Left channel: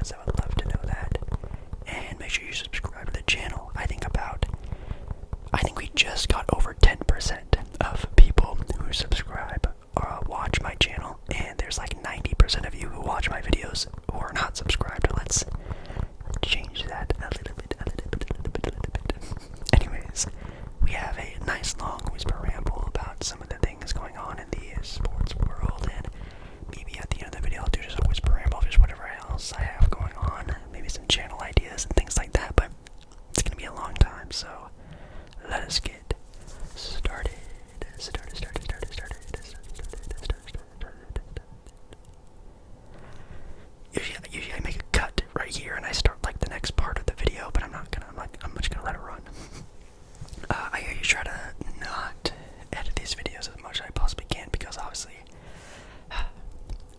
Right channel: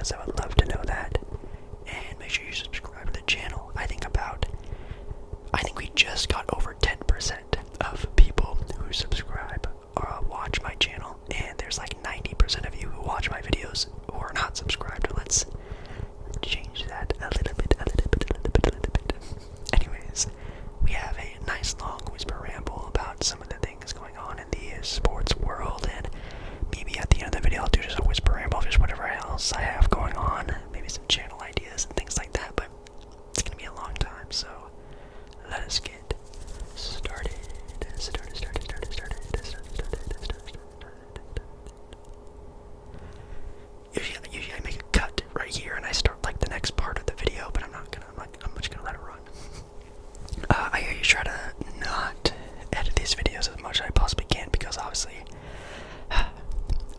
us. I would love to know that. And make sure you subscribe to the channel. I think we just got over 10% of people who subscribe or watch my channel, and there's like 90% of you who watch my videos who are not subscribed. Let's change that a little bit. Anyways, we have a nice long whisper ramble about some of the things going on in the sports world, and maybe at the end of the video I'll do just a whisper ramble of just whatever else I have going on, maybe some channel ideas and things like that, but it's gonna be a long time, so let us get started. Usually I make a cut right here and I start like the next part of the video, but I'm just gonna let it run. I usually try to not edit these videos as much as I possibly can, because obviously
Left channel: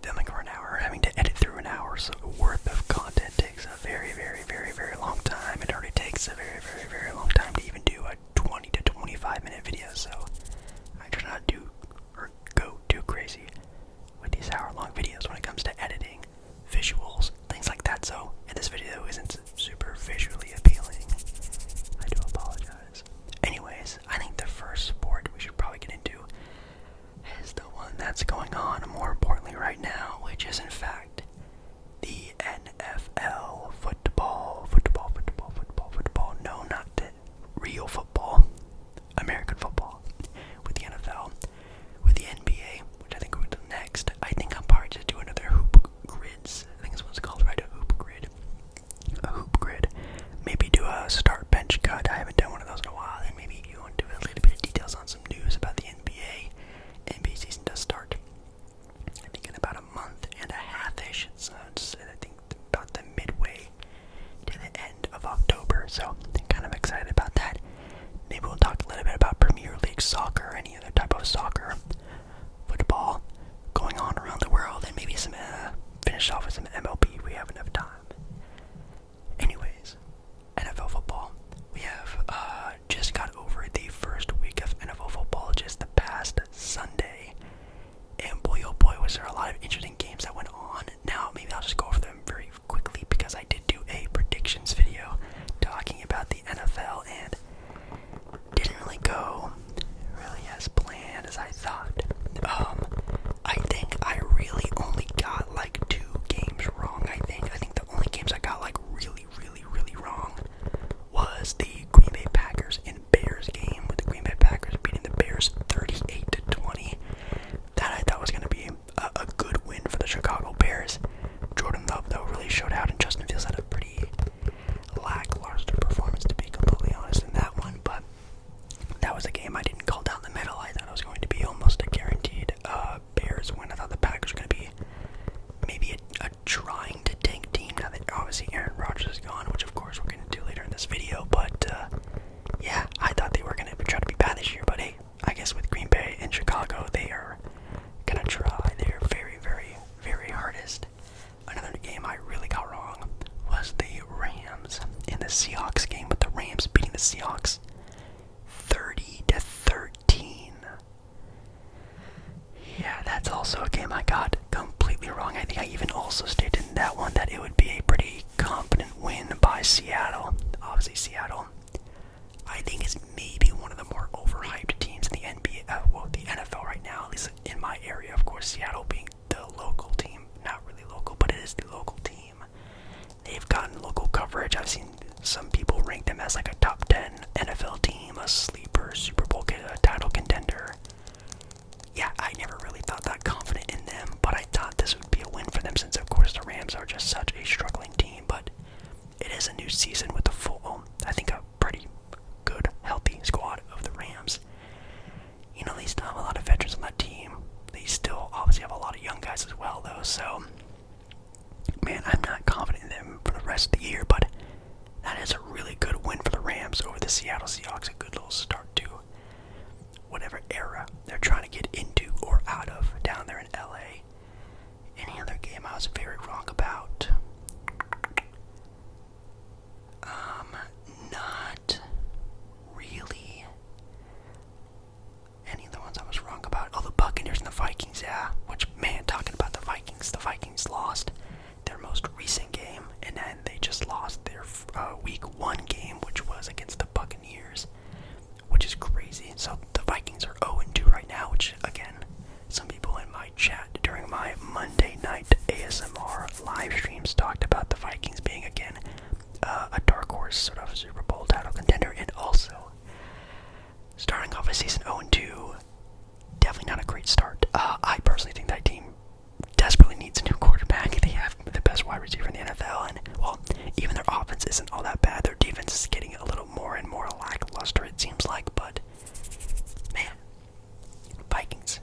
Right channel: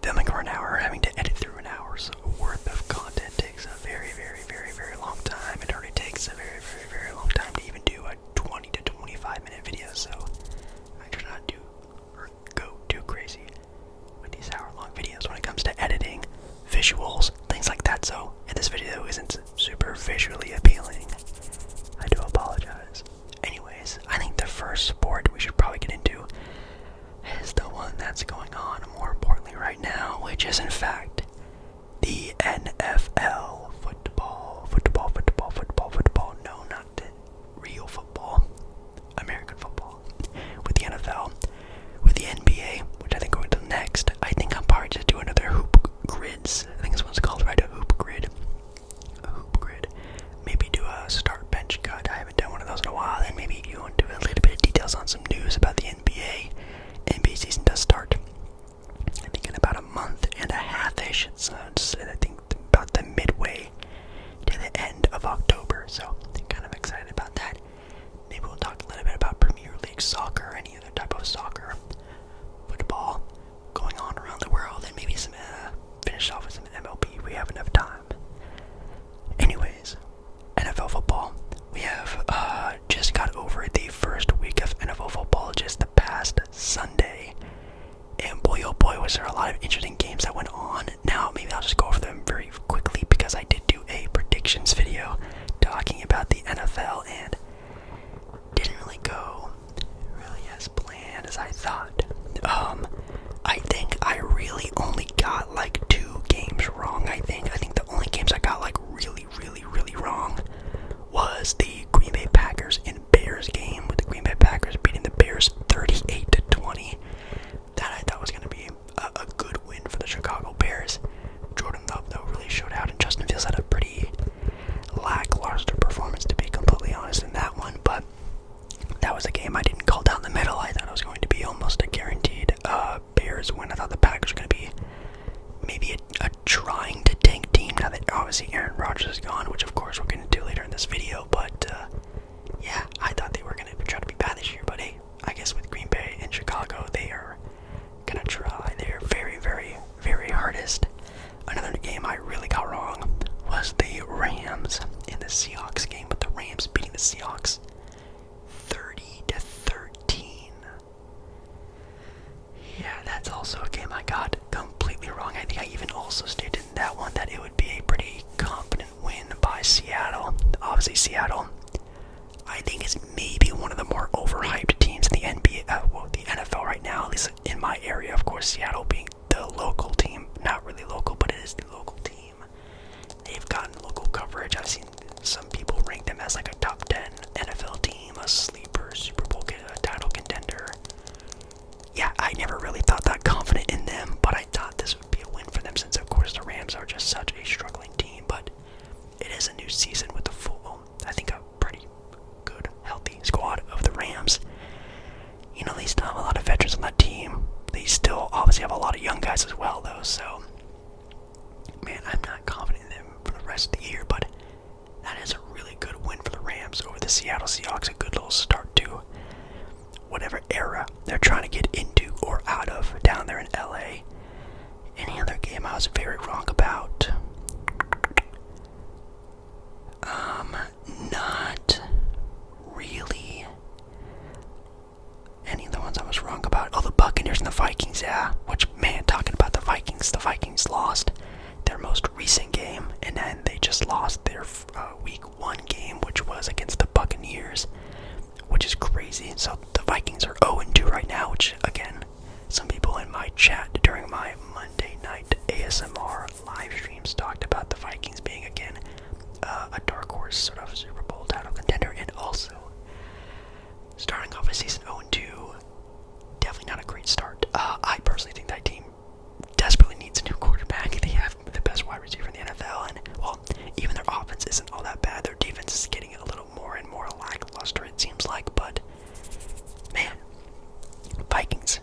filming for an hour, having to edit through an hour's worth of content takes a very, very, very, very long time. It already takes a very, very, very long time to even do a 20 to 25 minute video, so I try not to go too crazy with these hour-long videos when it comes to editing, visuals, things like that. So if this video isn't super visually appealing, I do apologize. Anyways, I think the first sport we should probably get into is the one that's going on more importantly right now, which is in fact the NFL football. No, not real football. American football. With the NFL, with the NBA, which I think we'll do next. I think I'll probably just do another hoop grids. I think this one's called, right? A hoop grid. Maybe do a start bench cut. I haven't done one of those in a while. And maybe you want to do a little bit of details on some news about the NBA. NBA season does start, I think, in about a month and a half-ish. So I think about the midway to the end of October. So I'm kind of excited about that. Maybe we'll talk a little bit about Premier League soccer, any other type of soccer, football going on around the world, and maybe some finish off with some MLB if we have enough time. Anyways, NFL football. We have just got over the first week of NFL football just the past Sunday, and boy oh boy was there a lot of interesting games that went on. Now maybe I'll just go over them very quickly, because I did do a predictions video talking about the NFL, and didn't really go really as planned as I thought. I think I really only got like 2 games wrong. I think the only games I got like really wrong was the Green Bay Packers and Bears game, with the Green Bay Packers beating the Bears 38-20. That I thought was going to be a good win for the Chicago Bears. Jordan Love, though, really showed out, and Justin Fields had a pretty lackluster performance, to be completely honest, in that one. But that was a game I didn't call down the middle. I thought it was going to be almost a guaranteed Bears win. I thought the Packers were going to be maybe a trying to tank team, now that obviously Aaron Rodgers is gone, which of course we're going to do later in this video. But yeah, I thought they were going to try to be bad this year. But hey, I guess with Green Bay and Chicago, they are going to try their very, very, very hardest. Another game I really got wrong was the Rams in the Seahawks game, with the Rams beating the Seahawks 30-13. Yeah, that's also a game I got completely wrong. I think I even also stated in that one that it would be a pretty confident win by Seattle. Obviously, Seattle, I think, is maybe one of the more overhyped teams in the NBA, the NFL right now, at least in my area. Of course, Seattle being the local team, not really local, but it is the local team. They've gotten local coverage. I've seen some people rank them as like a top 10 NFL team, a sleeper, Super Bowl title contender. Yeah, I never really thought that confident in them, but I thought this would be a win for them, since of course the Rams are just such a struggling team. But it is a new season with the full, I think, a pretty good, healthy squad of the Rams. You know, they still have a lot of veterans on that team. They still obviously have a lot of young guys as well, though, so man, I'm not confident in them for the rest of the year, but that is a really good win for the Rams. just lost their week 1 game, which was against the Buccaneers, which is crazy. So the Vikings are 0-2 right now, which, again, some people in my chat during my Monday night ASMR live streams talked about the Vikings being, again, a dark horse sort of Super Bowl title contender, and also starting off a season 0-2, definitely not a great start. I personally think that team desperately needs a new quarterback. They have the best wide receiver in the NFL, and, well, even their offense isn't all that bad. Their defense is getting a little more and more lackluster, it seems like, but, man, Vikings,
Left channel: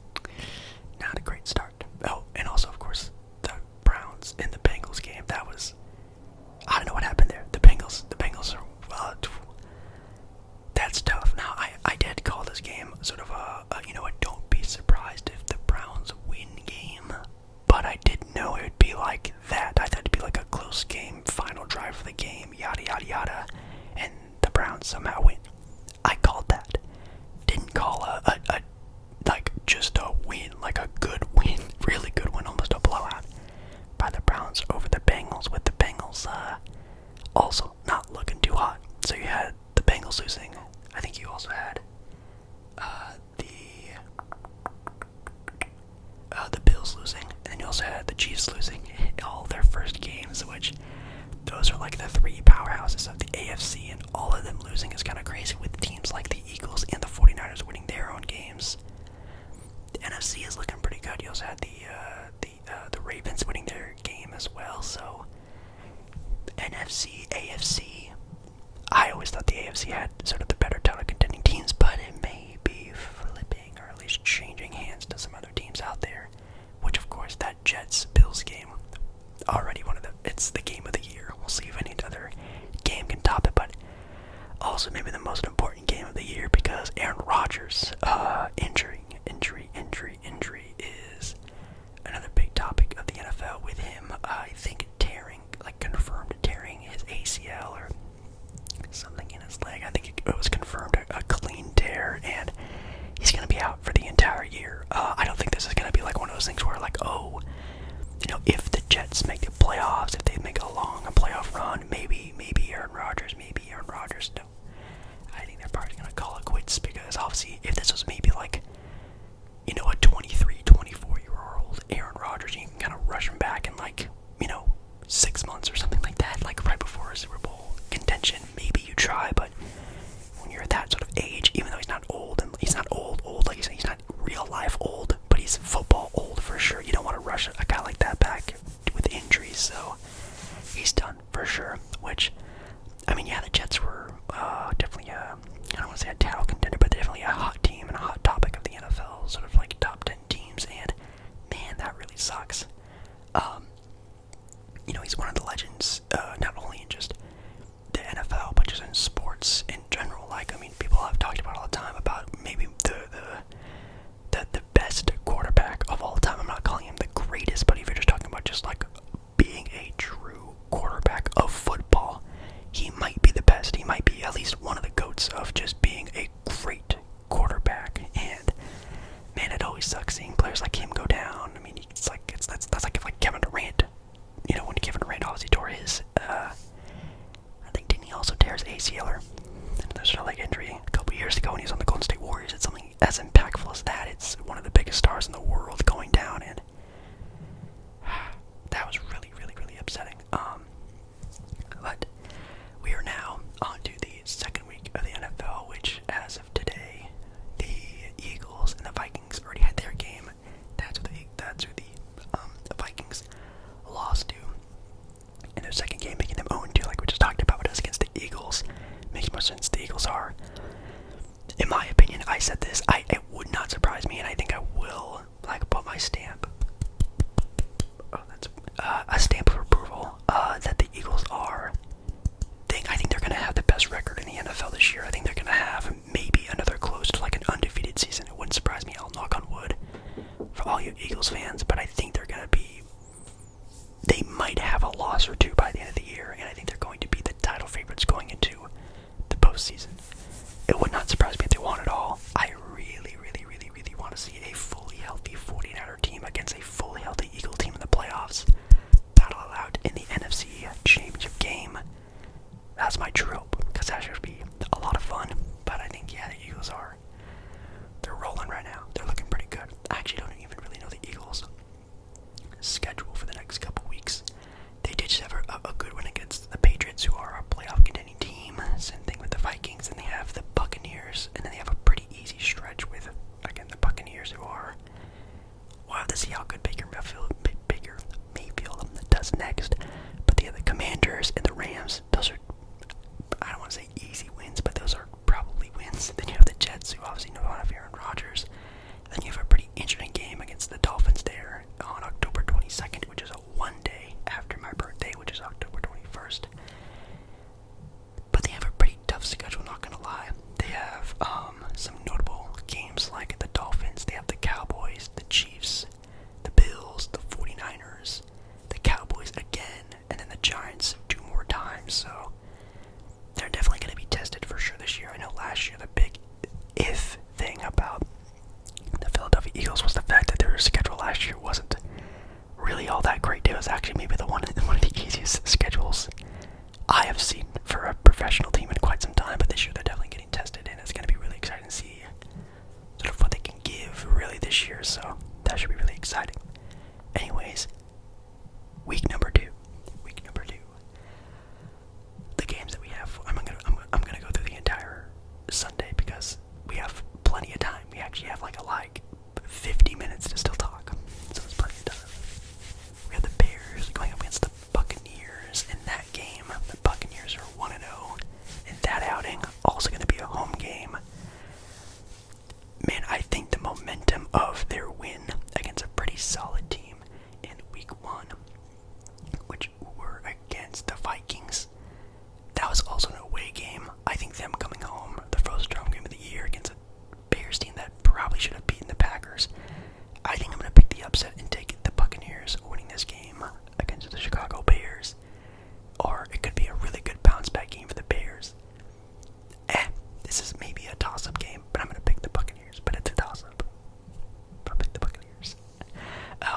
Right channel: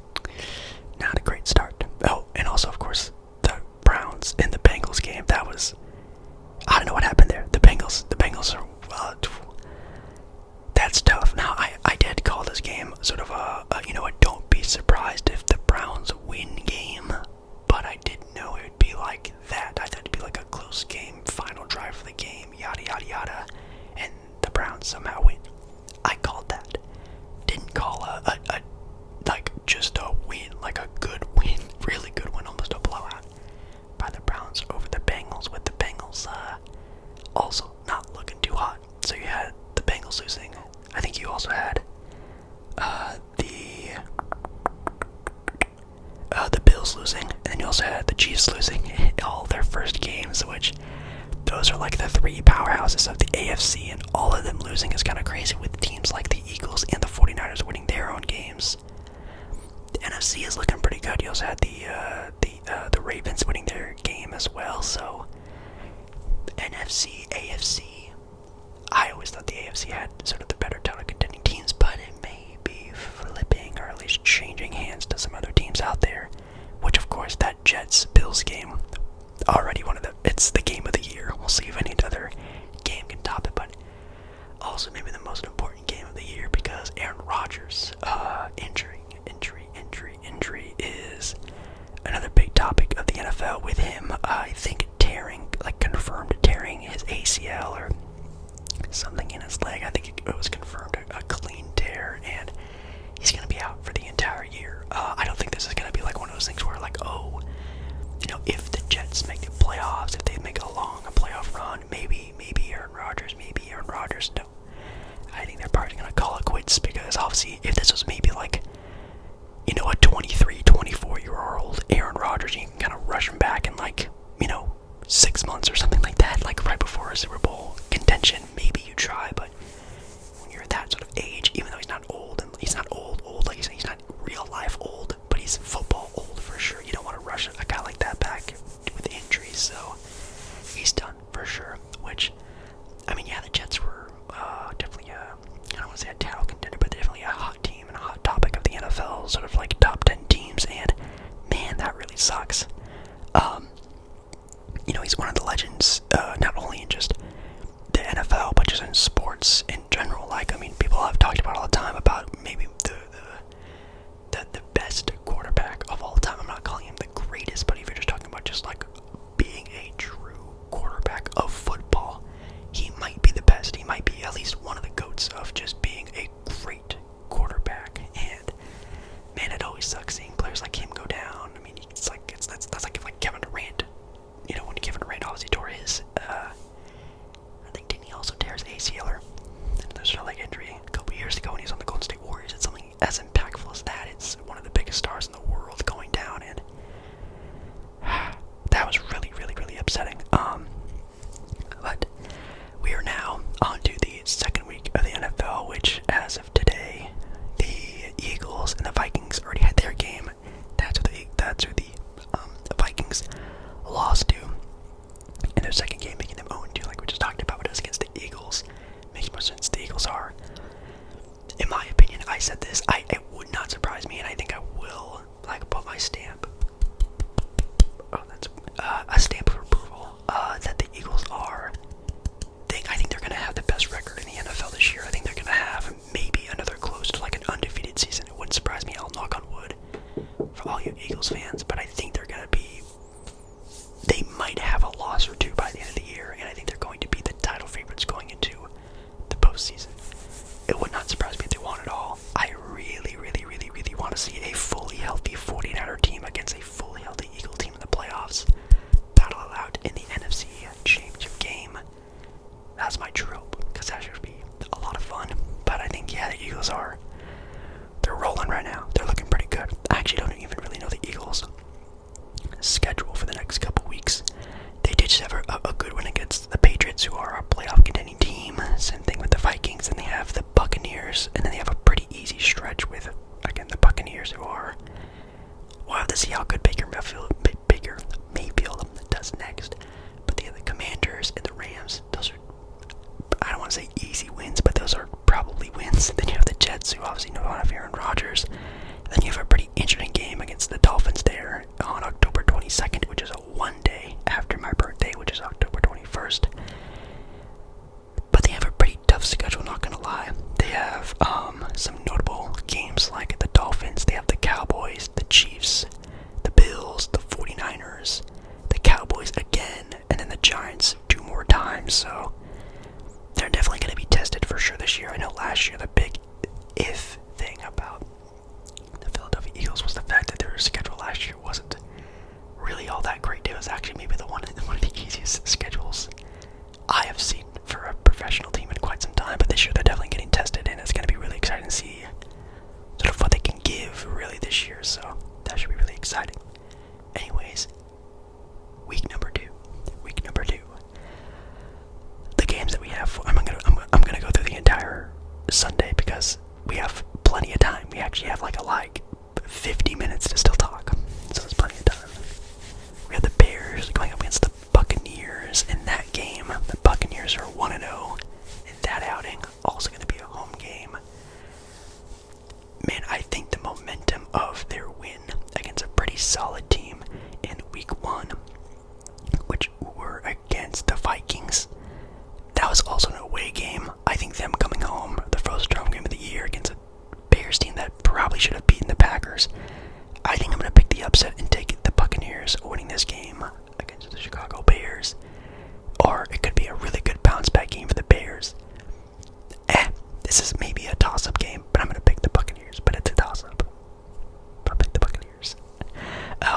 not a great start. Oh, and also, of course, the Browns in the Bengals game. That was, I don't know what happened there. The Bengals are, that's tough. Now, I did call this game sort of a don't be surprised if the Browns win game, but I didn't know it would be like that. I thought it'd be like a close game, final drive of the game, yada, yada, yada, and the Browns somehow win. I called that. Didn't call a like just a win, like a good win, really good win, almost a blowout by the Browns over the Bengals, with the Bengals also not looking too hot. So you had the Bengals losing. I think you also had the Bills losing, and then you also had the Chiefs losing all their first games, which those are like the 3 powerhouses of the AFC, and all of them losing is kind of crazy, with teams like the Eagles and the 49ers winning their own games. The NFC is looking pretty good. You also had the Ravens winning their game as well, so NFC, AFC, I always thought the AFC had sort of the better title contending teams, but it may be flipping, or at least changing hands to some other teams out there, which, of course, that Jets-Bills game, already it's the game of the year. We'll see if any other game can top it, but also maybe the most important game of the year, because Aaron Rodgers, injury is another big topic of the NFL with him. I think Giants, who are a playoff contending team. Same thing with the Vikings, and they have the Buccaneers, and then they have a pretty easy stretch with, again, the Buccaneers, who are. We'll have to see how good Baker Mayfield does next. But they have the Commanders and the Rams. Those are, I don't want to say easy wins, but those are probably wins. Then you have the Jets, who obviously don't have Aaron Rodgers. Then you have a pretty interesting game against the Dolphins there on October 22nd, which is one day after my birthday, which is October 21st. But they have a pretty tough schedule, not gonna lie. They have some notable games like the Dolphins. They have the Cowboys, the Chiefs, the Bills, the 49ers, the Cowboys again, and then the Giants 2 more times. So they're definitely going to be tested for sure this year. I know last year the big if thing about the Philadelphia Eagles was the fact that their schedule last year wasn't really all that great. It was actually maybe one of the easiest schedules I have seen for a professional team in quite some time. But this year they're definitely getting tested, and it's going to be really exciting to see sort of what they can give really this year. So that should be really exciting. Anyways, week number two. The games that we have, I'm gonna go through the entire Sunday because we have plenty of time. We actually have like 50 minutes to still talk, so there's plenty of time. We have the Bears going up against the Buccaneers in that game. The Buccaneers are 1-0 in that outing. Also going to be a home game. Man, I think the momentum of their win against a pretty solid team in week 1, which were against the Vikings, that was also an away game. I think them coming home, the first home game of the year against a Bears team that probably should have beaten the Packers. I think I'm going to pick the upset and take the Buccaneers winning this game against the Chicago Bears. Or it could be a really good bounce back game for the Bears. This is maybe a toss-up game, but I'm going to pick the Buccaneers. But it's a toss-up. But I'll pick the Buccaneers.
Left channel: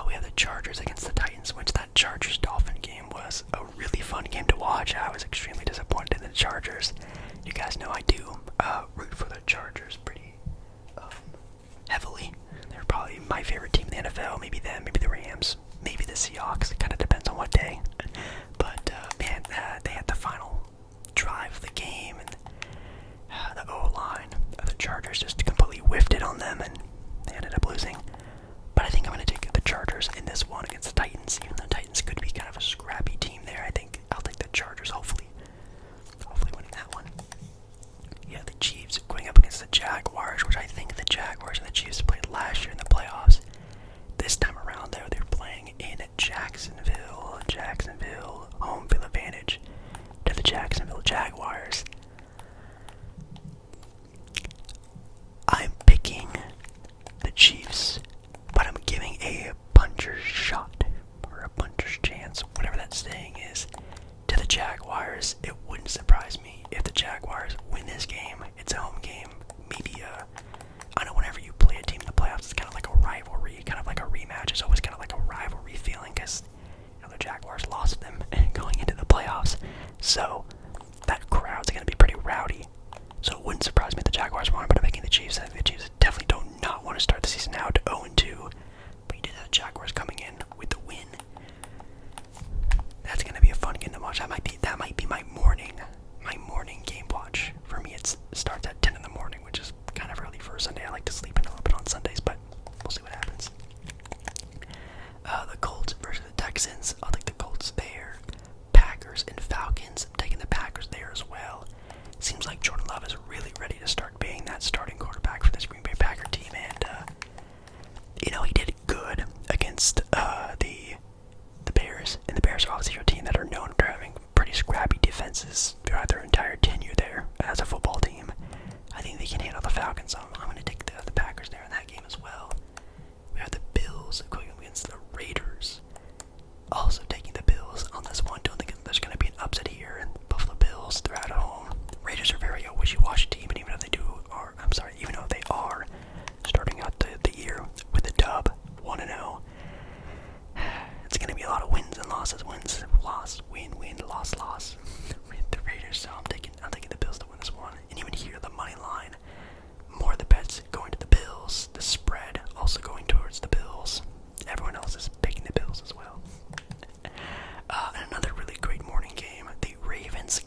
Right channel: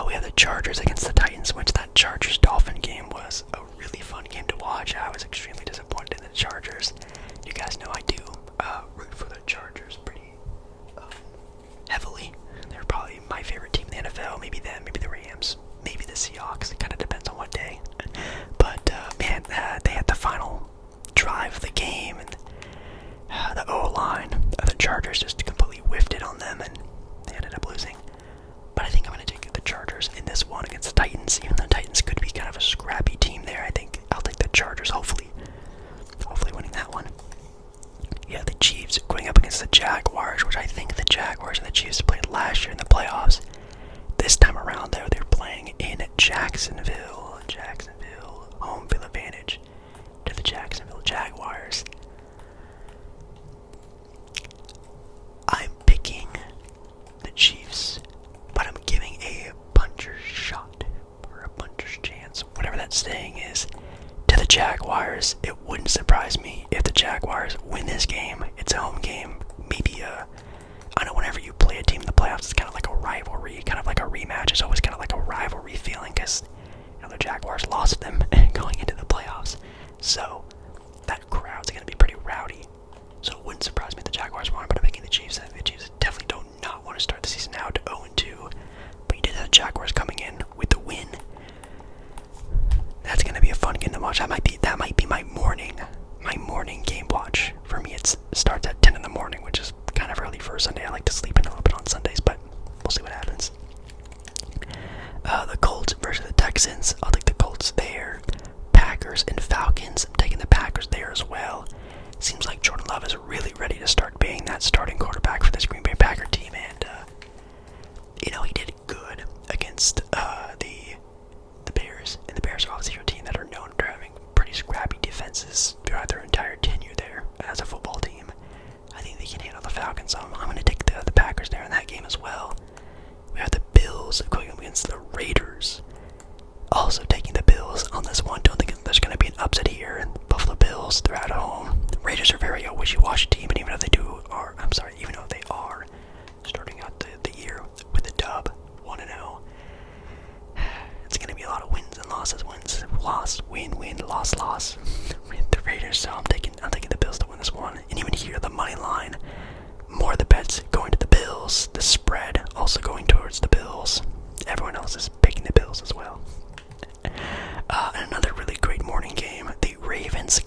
We have the Chargers against the Titans, which that Chargers-Dolphin game was a really fun game to watch. I was extremely disappointed in the Chargers. You guys know I do root for the Chargers pretty heavily. They're probably my favorite team in the NFL. Maybe them, maybe the Rams, maybe the Seahawks. It kind of depends on what day. But man, they had the final drive of the game, and the O-line of the Chargers just completely whiffed it on them, and they ended up losing. But I think I'm going to take the Chargers in this one against the Titans. Even though the Titans could be kind of a scrappy team there, I think I'll take the Chargers, hopefully winning that one. Yeah, the Chiefs going up against the Jaguars, which I think the Jaguars and the Chiefs played last year in the playoffs. This time around, though, they're playing in Jacksonville, home field advantage to the Jacksonville Jaguars. I'm picking the Chiefs, but I'm giving a puncher's shot, or a puncher's chance, whatever that saying is, to the Jaguars. It wouldn't surprise me if the Jaguars win this game. It's a home game. Maybe I know whenever you play a team in the playoffs, it's kind of like a rivalry, kind of like a rematch. It's always kind of like a rivalry feeling because, the Jaguars lost them going into the playoffs. So that crowd's going to be pretty rowdy. So it wouldn't surprise me if the Jaguars won, but I'm making the Chiefs. I think the Chiefs definitely do not want to start the season out 0-2. But you did have the Jaguars coming in with the win. That's going to be a fun game to watch. That might be my morning game watch. For me, it starts at 10 in the morning, which is kind of early for a Sunday. I like to sleep in a little bit on Sundays, but we'll see what happens. The Colts versus the Texans. I'll take the Colts there. Packers and Falcons. I'm taking the Packers there as well. Seems like Jordan Love is really ready to start being that starting quarterback for this Green Bay Packer team, and he did good against the Bears, and the Bears are obviously a team that are known for having pretty scrappy defenses throughout their entire tenure there as a football team. I think they can handle the Falcons, so I'm going to take the Packers there in that game as well. We have the Bills going up against the Raiders. Also taking the Bills on this one. Don't think there's going to be an upset here. And Buffalo Bills, they're at home. The Raiders are very a wishy-washy team, and even though they are starting out the year with a dub, 1-0, it's going to be a lot of wins and losses. Loss, win, loss. The Raiders, so I'm taking the Bills to win this one. And even here, the money line, more of the bets going to the Bills. The spread also going towards the Bills. Everyone else is picking the Bills as well. And another really great morning game, the Ravens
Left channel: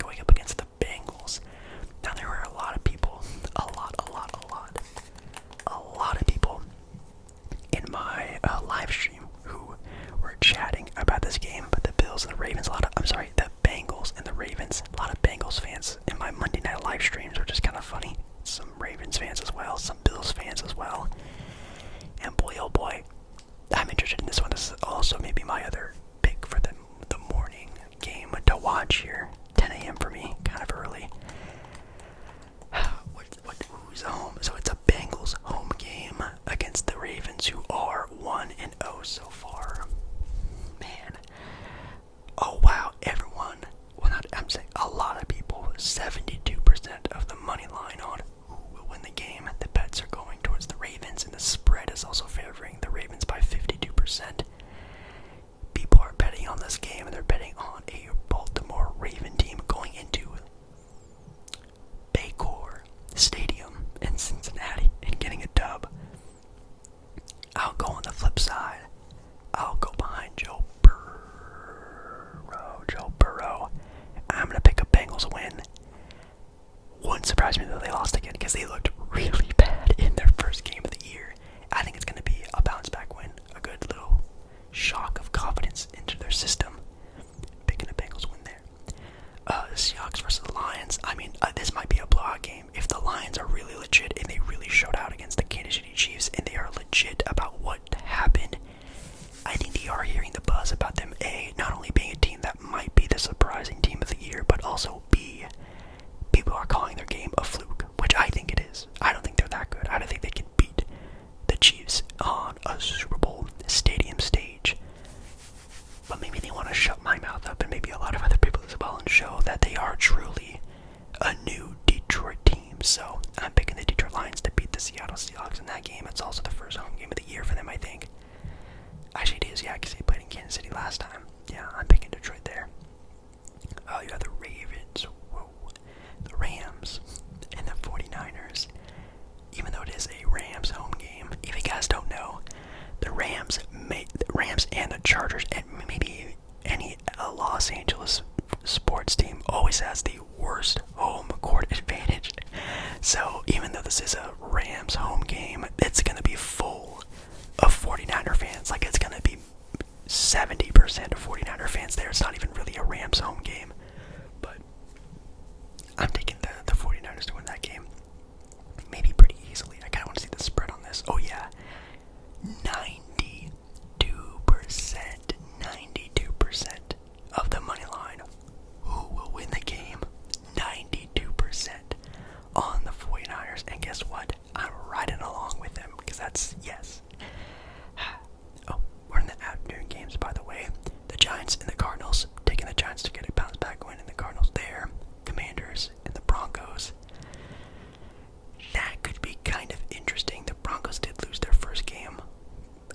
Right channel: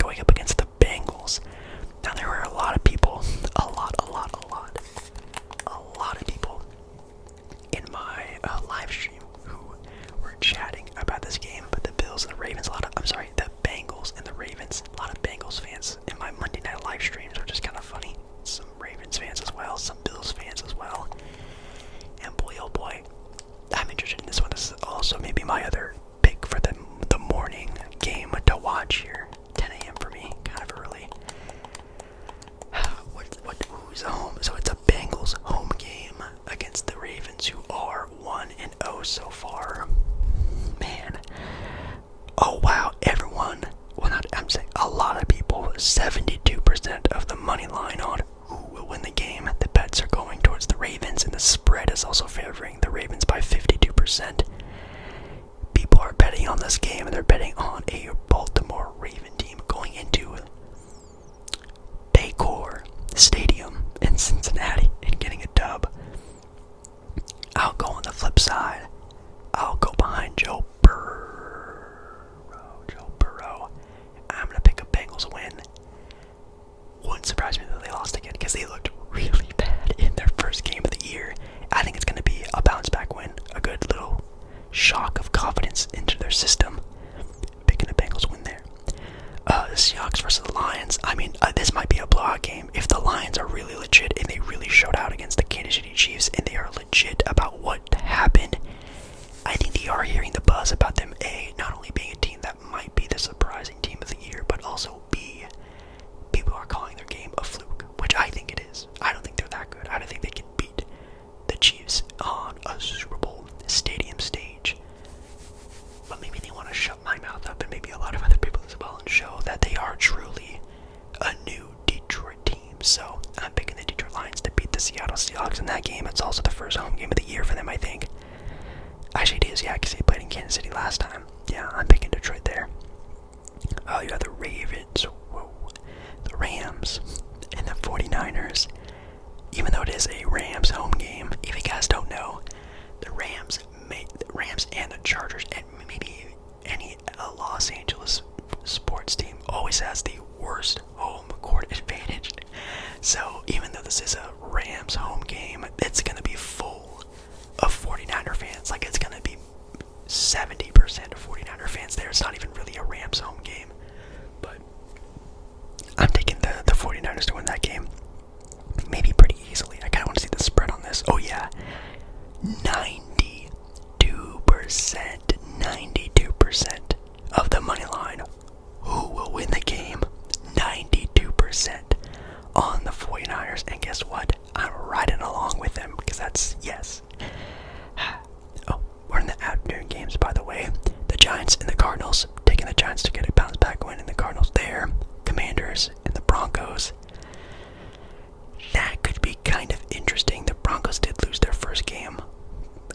72% of the money line on who will win the game. The bets are going towards the Ravens, and the spread is also favoring the Ravens by 52%. People are betting on this game, and they're betting on a Baltimore Raven team going into Paycor Stadium in Cincinnati and getting a dub. I'll go on the flip side. I'll go behind Joe Burrow. I'm going to pick a Bengals win. Wouldn't surprise me that they lost again because they looked really bad in their first game of the year. I think it's going to be a bounce back win. A good little shock of confidence into their system. Picking a Bengals win there. The Seahawks versus the Lions. I mean, this might be a blowout game. If the Lions are really legit and they really showed out against the Kansas City Chiefs and they are legit about what happened, I think they are hearing the buzz about them, A, not only being a team that might be the surprising team of the year, but also B, people are calling their game a fluke, which I think it is. I don't think they're that good. I don't think they can beat the Chiefs on a Super Bowl stadium stage. But maybe they want to shut my mouth up and maybe a lot of other people as well and show that they are truly a new Detroit team. So I'm picking the Detroit Lions to beat the Seattle Seahawks in that game. It's also the first home game of the year for them, I think. Actually, it is, yeah, because they played in Kansas City last time. Yeah, I'm picking Detroit there. You got the Ravens, the Rams, and the 49ers. Even though it is a Rams home game, if you guys don't know, the Rams and the Chargers, and maybe any Los Angeles sports team, always has the worst home court advantage. So even though this is a Rams home game, it's going to be full of 49er fans. Like, it's going to be 70% of 49er fans there. It's not even really a Rams home game. But I'm taking the 49ers to win that game. Maybe pretty easily. I kind of want to see the spread on this. Oh, yeah. 92% of the money line. Who will win the game? 92% on the 49ers. And guess what? I'm riding along with them because that's, yes. Oh, we're in the afternoon games, by the way. The Giants and the Cardinals. Taking the Giants to get a bounce back win, and the Cardinals there. Commanders and the Broncos. That could be kind of interesting. The Broncos did lose their first game.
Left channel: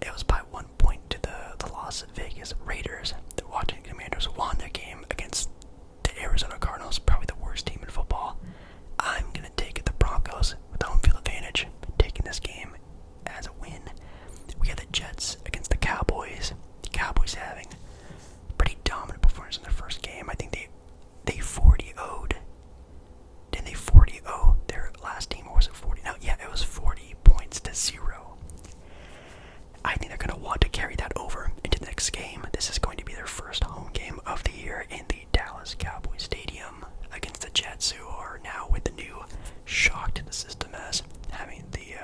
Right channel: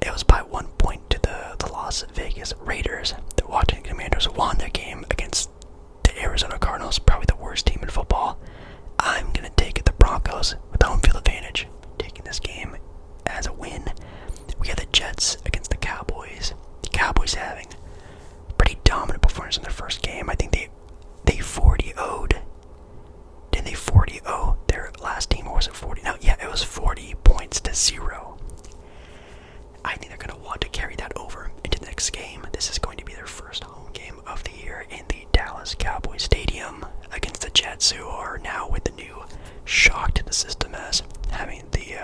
It was by 1 point to the Las Vegas Raiders. The Washington Commanders won their game against the Arizona Cardinals, probably the worst team in football. I'm going to take the Broncos with home field advantage, taking this game as a win. We have the Jets against the Cowboys. The Cowboys having pretty dominant performance in their first game. I think they 40-0'd. Didn't they 40-0 their last team, or was it 40? No, yeah, it was 40 points to 0. I think they're going to want to carry that over into the next game. This is going to be their first home game of the year in the Dallas Cowboys Stadium against the Jets, who are now with the new shock to the system as having the,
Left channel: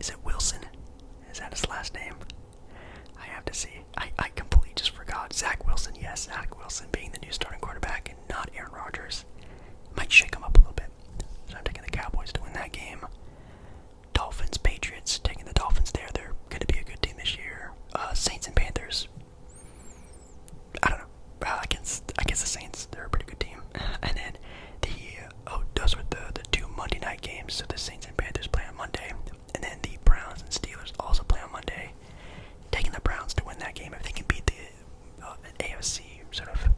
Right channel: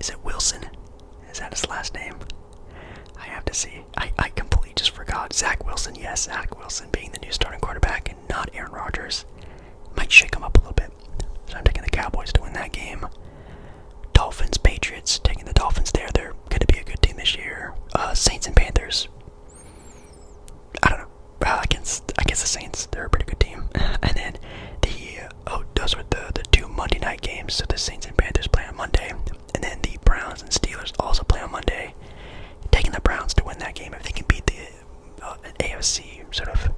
is it Wilson? Is that his last name? I have to see. I completely just forgot. Zach Wilson, yes, Zach Wilson being the new starting quarterback and not Aaron Rodgers. Might shake him up a little bit. So I'm taking the Cowboys to win that game. Dolphins, Patriots, taking the Dolphins there. They're going to be a good team this year. Saints and Panthers. I don't know. Against the Saints, they're a pretty good team. And then those were the two Monday night games. So the Saints and Panthers play on Monday. And then the Browns and Steelers also play on Monday. Taking the Browns to win that game. If they can beat the AFC sort of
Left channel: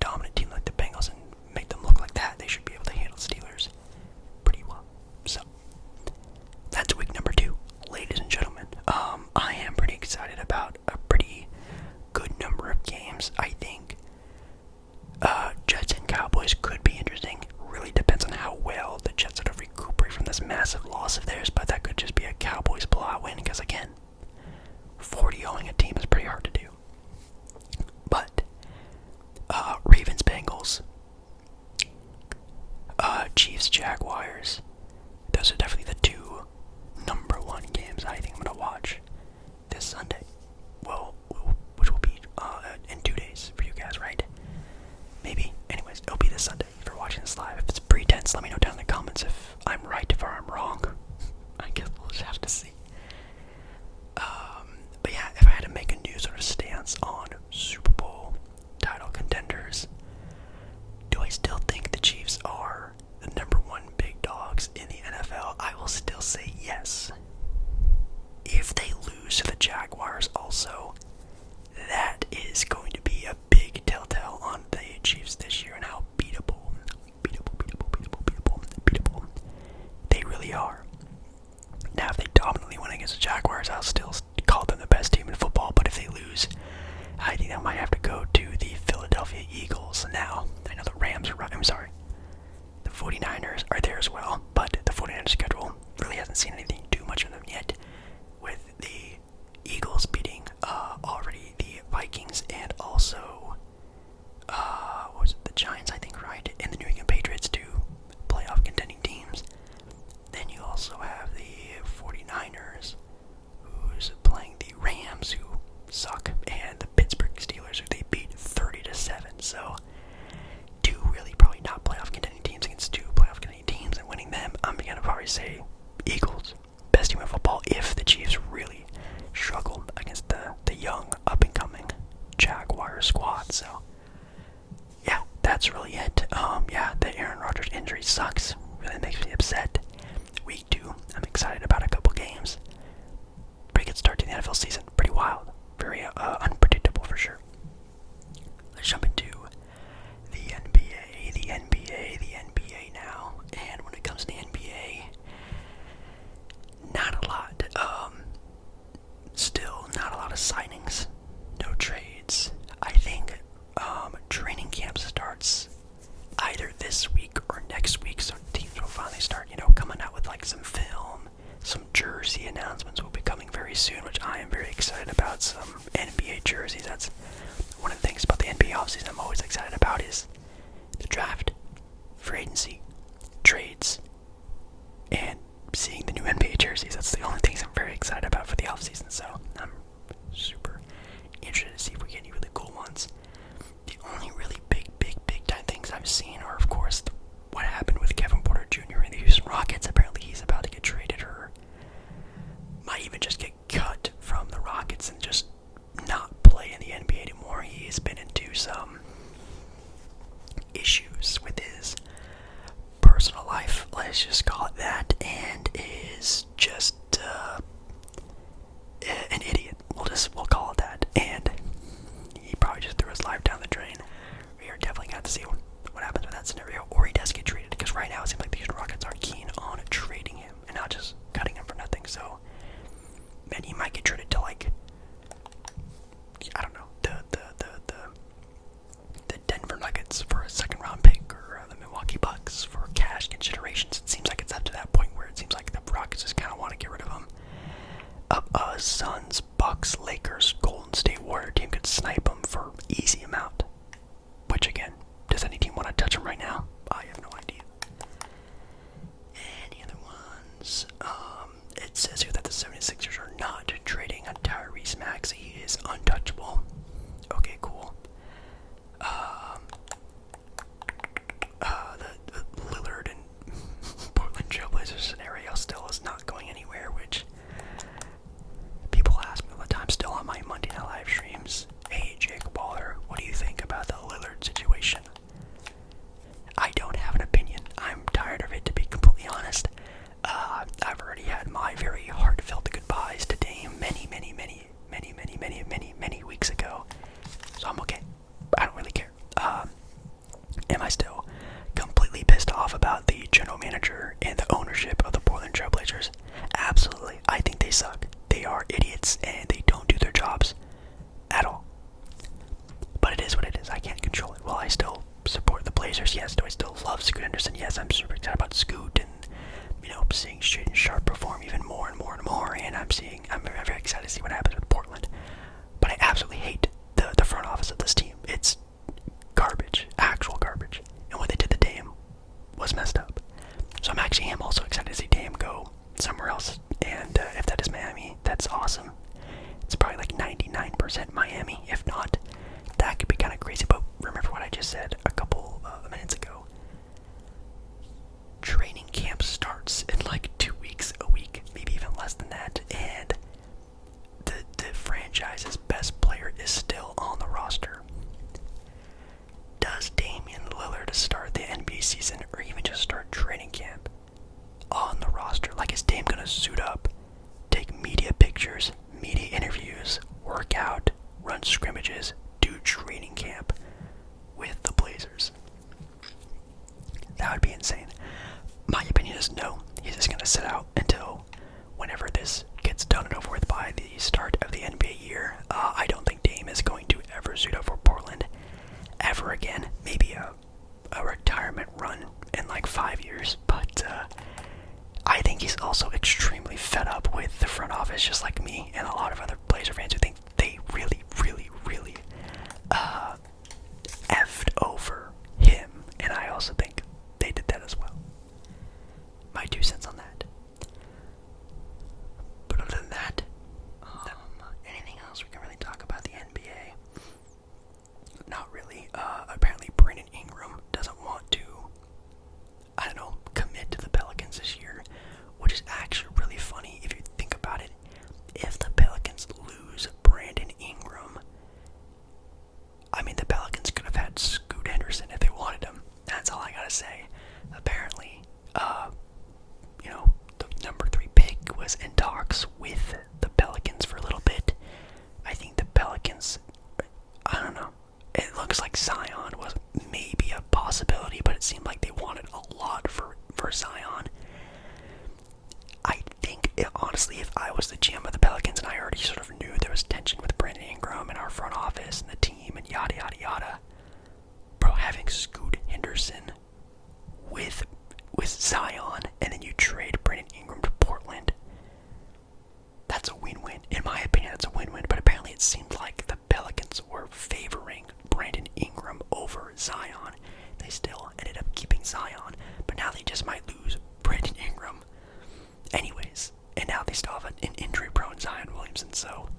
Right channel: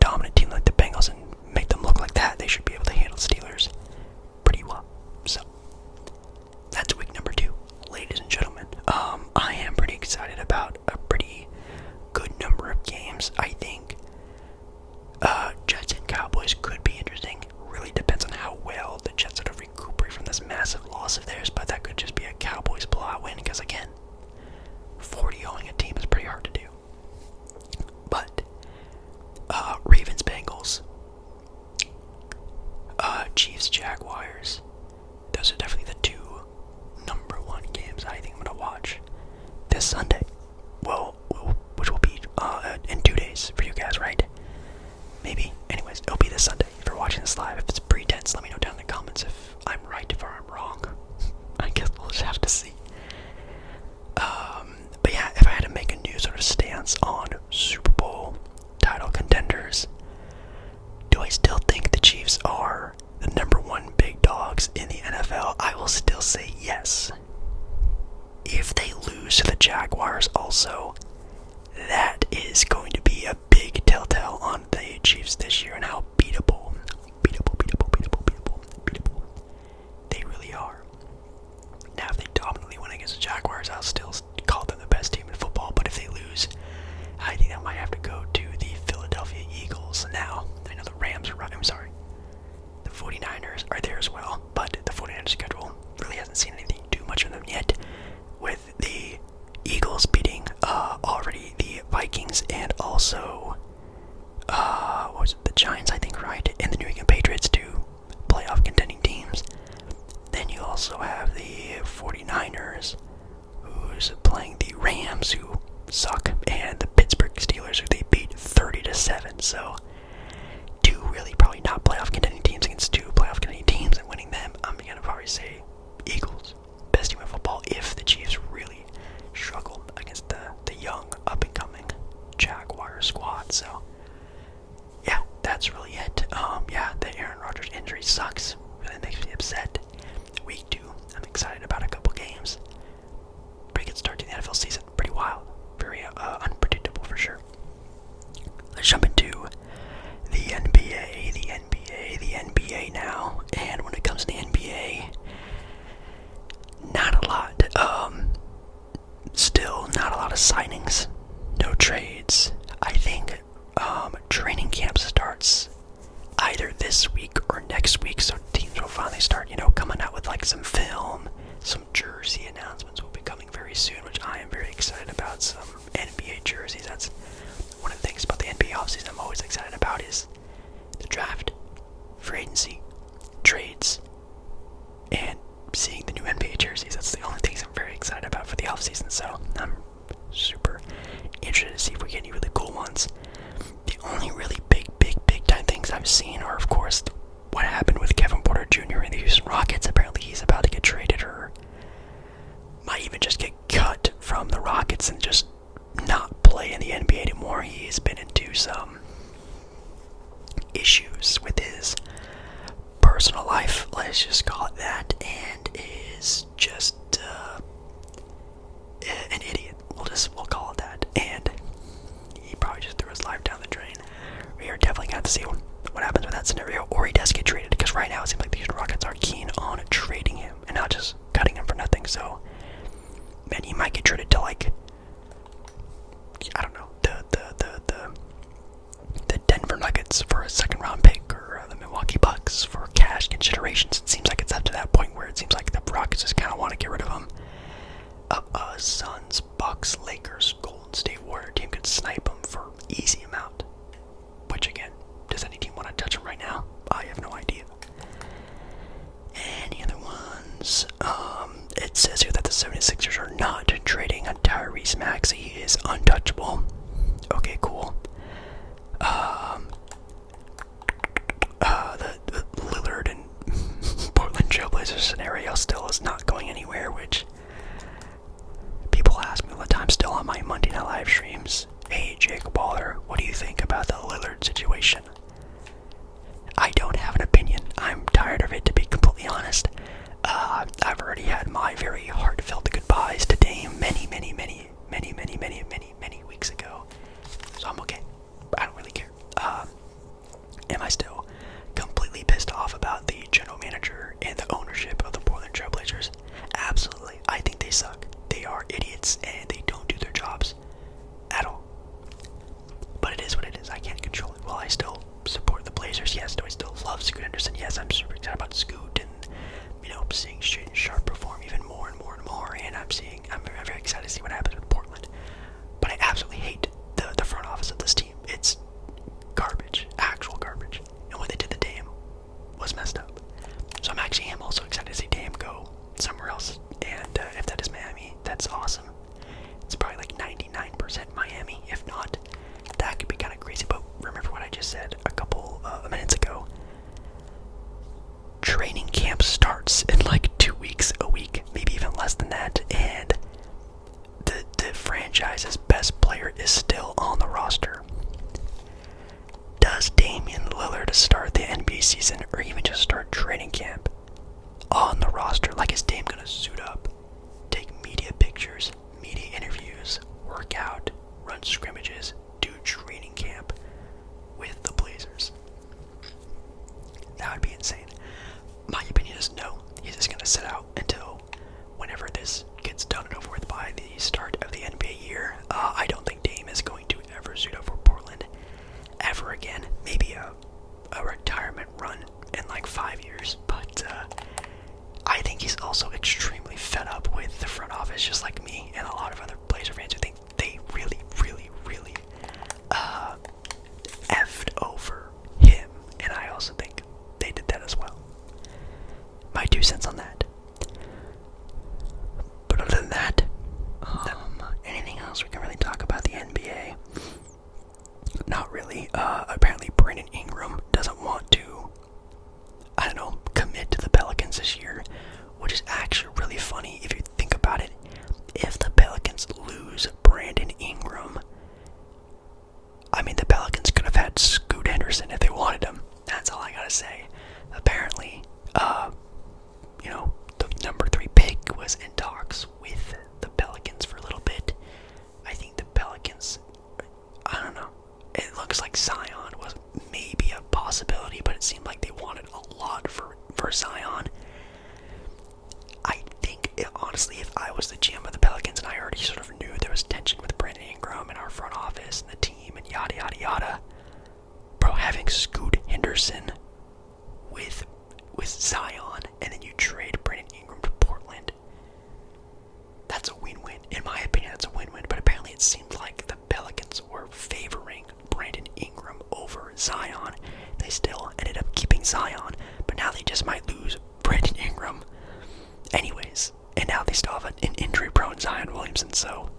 dominant team like the Bengals and make them look like that, they should be able to handle the Steelers pretty well. So that's week number 2, ladies and gentlemen. I am pretty excited about a pretty good number of games. I think Jets and Cowboys could be interesting. Really depends on how well the Jets sort of recuperate from this massive loss of theirs, but that could just be a Cowboys blowout win because, again, 40-0ing a team is pretty hard to do. But Ravens, Bengals, Chiefs, Jaguars, those are definitely the 2 number 1 games I think I'm going to watch this Sunday. Well, which will be in 2 days for you guys, right? Maybe. Anyways, it'll be this Sunday if you're watching this live. If it's pretense, let me know down in the comments if I'm right, if I'm wrong. I guess we'll just have to see. But yeah, if I had to make a new sort of stance on Super Bowl title contenders, do I still Chiefs are the number one big dogs in the NFL, I will still say yes. If they lose to the Jaguars also, that is going to be a big telltale on the Chiefs this year and how beatable they really are. Now, if they dominantly win against the Jaguars, I'll still call them the best team in football, but if they lose, I think I might have to go to the Philadelphia Eagles. Now, I know the Rams are right. I'm sorry. The 49ers are there as well, but the 49ers schedule really hasn't seen anything too much of them yet, with the Eagles beating already the Vikings and also what was it, the Giants, I think, right? And the New England Patriots, two playoff contending teams. Then you also have the 49ers, who's playing the Rams, who suck, and the Pittsburgh Steelers, who they beat 30-7. So, two really probably not playoff contending teams against two playoff contending teams, and winning them, I'm going to probably say Eagles, best team in football, if the Chiefs really struggle against the young, up-and-coming Jaguars squad. So, yeah, that's really it. Yeah, the Aaron Rodgers injury sucks. Really makes me upset. Week 2, I'm excited about a couple games. Pretty good start to the NFL season. Pretty wild. Very unpredictable for sure. Let's jump into the NBA now. And when it comes to the NBA, not a lot. Still not a lot of signings. No trades. I think training camp starts either this week or next week, so teams will finally start, coming out with like some film, some jersey announcements will be coming very soon, which I am very excited about. Some NBA jerseys. That's one of the things about the NBA offseason I'm always excited about is the draft, free agency, trades, and seeing the new NBA jerseys. That's the only things I'm very excited about for the offseason, so I'm super interested to see if we get any really cool ones. The only really big time things I've seen are, of course, what happened with Kevin Porter Jr. and the Houston Rockets. Apparently he's about to get traded or might even just get cut from the Rockets and just not play in the NBA anymore. He's been into some issues with his personal life, let's just call it that, and is just an idiot. We'll call it that. And he probably just threw his life down the drain. We are definitely going to see what happens with that scenario, or he does get traded, because right now it seems like the Houston Rockets are keen on trading him and not just cutting him for nothing. So, man, he might get traded to, like, I don't know, the Denver Nuggets for a second round pick, or the Milwaukee Bucks for cash considerations. It seems like it's up to that point where it seems like the Rockets just kind of want to get rid of him. Suns, Bucks, Lakers, Golden State Warrior team could snipe him for easy amount. Which, again, does any team want to touch him right now? I have no idea. Any other ones? It says here that the 76ers are not trading on Tyrese Maxey. He is untouchable. Okay, cool. The Lillard and Portland Trailblazers scenario still is not going anywhere, which people ask me all the time still on my Monday Night Live streams. Hey, Jake Waller, what do you think about the Lillard situation? I don't have an opinion. I'm tired of it, to be completely honest. I've already had my very heartfelt goodbyes to Dame many weeks ago. So I'm okay. I don't really care. Am I still completely pissed off about the general manager and the ownership of the Portland Trailblazers? Absolutely. I think they suck. They are idiots and they don't do their jobs at all. But it is what it is. I can't control it. While I still support the Blazers, yes. Do I still love Scoot Henderson? Yes, I'm super excited about Scoot and, seeing Shaedon Sharpe perform even more and more. And I'm very excited to see what happens with Portland. But I absolutely hate the front office of this team. It's garbage. Actual garbage. And what they did to Dame was messed up. So I'm also excited to see Dame go somewhere else. And if that is Miami, that's awesome. It's probably like 99% Miami. If not, that could be kind of crazy. But remember what I just said a couple minutes ago. preseason or even just start training camp on the roster? Like, is Dame gonna suit up, take media pictures, media interviews, work out, run scrimmages, do training camp with the Blazers? That would be insane. My opinion is no. He's just gonna sit out until whenever this gets done and over with by the start of the NBA year. I don't think Dame is going to ever suit up for Portland ever again. Maybe a retirement run in like 5 years, but I think he's also extremely fed up with the front office, just like me and a lot of other Blazer fans who think they really, really, really effed over him, and I also think they did that as well. My 2 cents on that. But other than that, anything else we can really talk about the NBA? Not really. Apparently Brandon Ingram doesn't want to, I don't know, commit to the Pelicans this year, which is actually really funny if you think about it. If the Pelicans lose Brandon Ingram, I mean, the Pelicans could have had Scoot Henderson if they wanted him. That's all I gotta say. Apparently, the number 3 pick was in talks with the Pelicans for a little bit. I think the Pelicans, I don't know. It looks like Zion was maybe a possibility, but it seemed like they wanted a lot for Zion. I think, honestly, if I was the GM of the Pelicans and I already sort of knew there was tension with Brandon Ingram and our front office and the team and yada yada yada, bro, having Scoot Henderson with Zion and then you trade Brandon Ingram to Portland, that's a win-win. In my opinion, that's a win-win, but apparently it seemed like the Pelicans were favoring Brandon Ingram over Zion. They still ended up keeping Zion, but now they just might lose Brandon Ingram anyways, and now they still have an injury-prone Zion Williamson. So,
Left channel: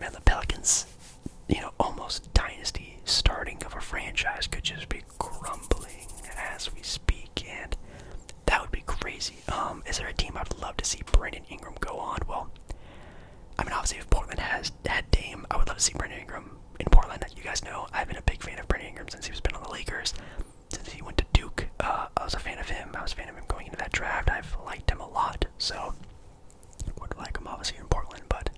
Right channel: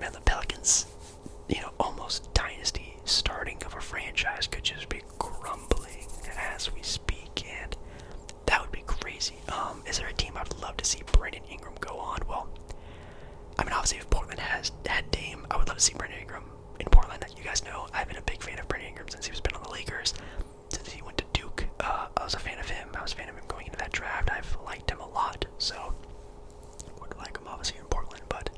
man, the Pelicans, almost dynasty starting of a franchise could just be crumbling as we speak, and that would be crazy. Is there a team I'd love to see Brandon Ingram go on? Well, I mean, obviously, if Portland had Dame, I would love to see Brandon Ingram in Portland. You guys know I've been a big fan of Brandon Ingram since he's been on the Lakers. Since he went to Duke, I was a fan of him. I was a fan of him going into that draft. I've liked him a lot, so would like him obviously in Portland. But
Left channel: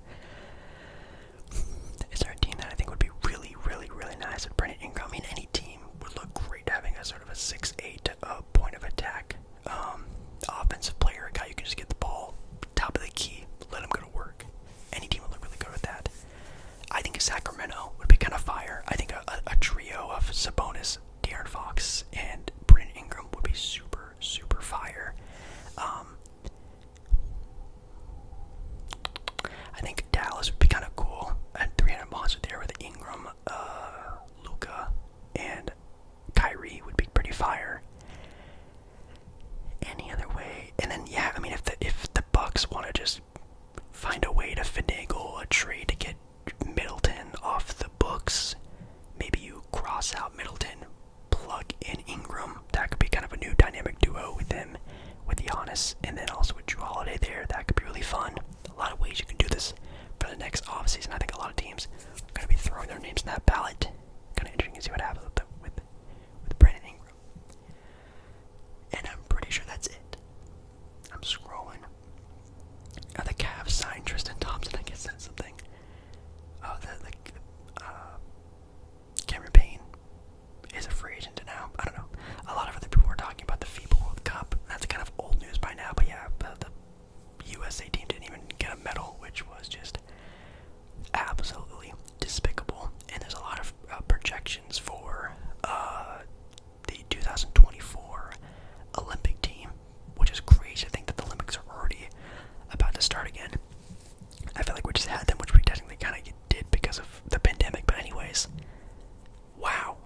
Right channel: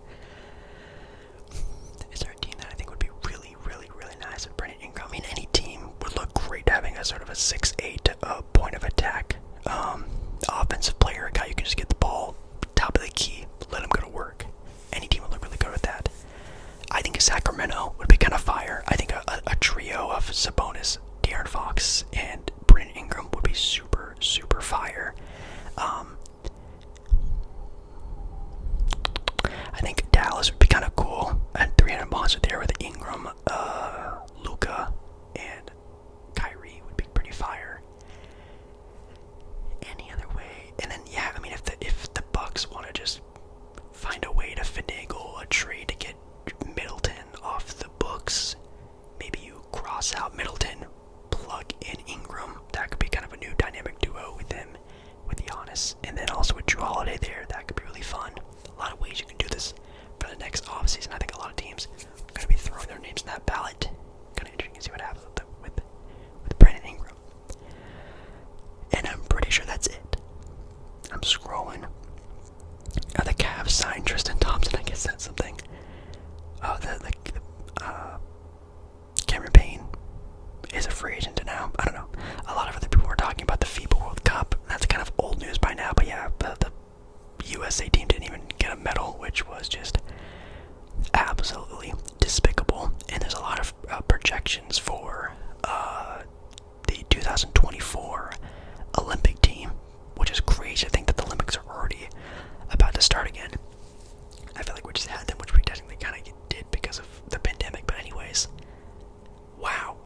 is there a team that I think would be really, really, really nice with Brandon Ingram? I mean, any team would look great having a sort of a 6'8" point of attack offensive player, a guy you can just get the ball top of the key, let him go to work. Any team would look really good with that. I think Sacramento would be kind of fire. I think a trio of Sabonis, De'Aaron Fox, and Brandon Ingram would be super, super fire. I think Dallas would be kind of cool. A 300 monster there with Ingram, Luka, and Kyrie would be pretty fire. Any other way? And then, yeah, I mean, if the Bucks want to just find a way to finagle a trade to get Middleton off the books, maybe you cross out Middleton, plug in Ingram. That could be kind of a new dynamic duo with him, with Giannis, and then also with Jrue Holiday there. That could be really fun. A lot of ways you can do this for the next offseason. I think a lot of teams are going to be throwing their names in that ballot. Kind of interesting to see what happens with Brandon Ingram. And I'm pretty sure that's it. I'm scrolling. The Cavs signed Tristan Thompson. I guess that's something. Cameron Payne is a free agent now. I don't know. A lot of other people were talking about the FIBA World Cup. That's kind of old news by now. But yeah, the USA team didn't even get a medal, which was just absolutely despicable. And there's a lot of projections for the 2024 Olympic team, which is crazy to think that the Olympics are already about to start again. I feel like we just had them, which we technically kind of did because of the pandemic. But anyways, wow.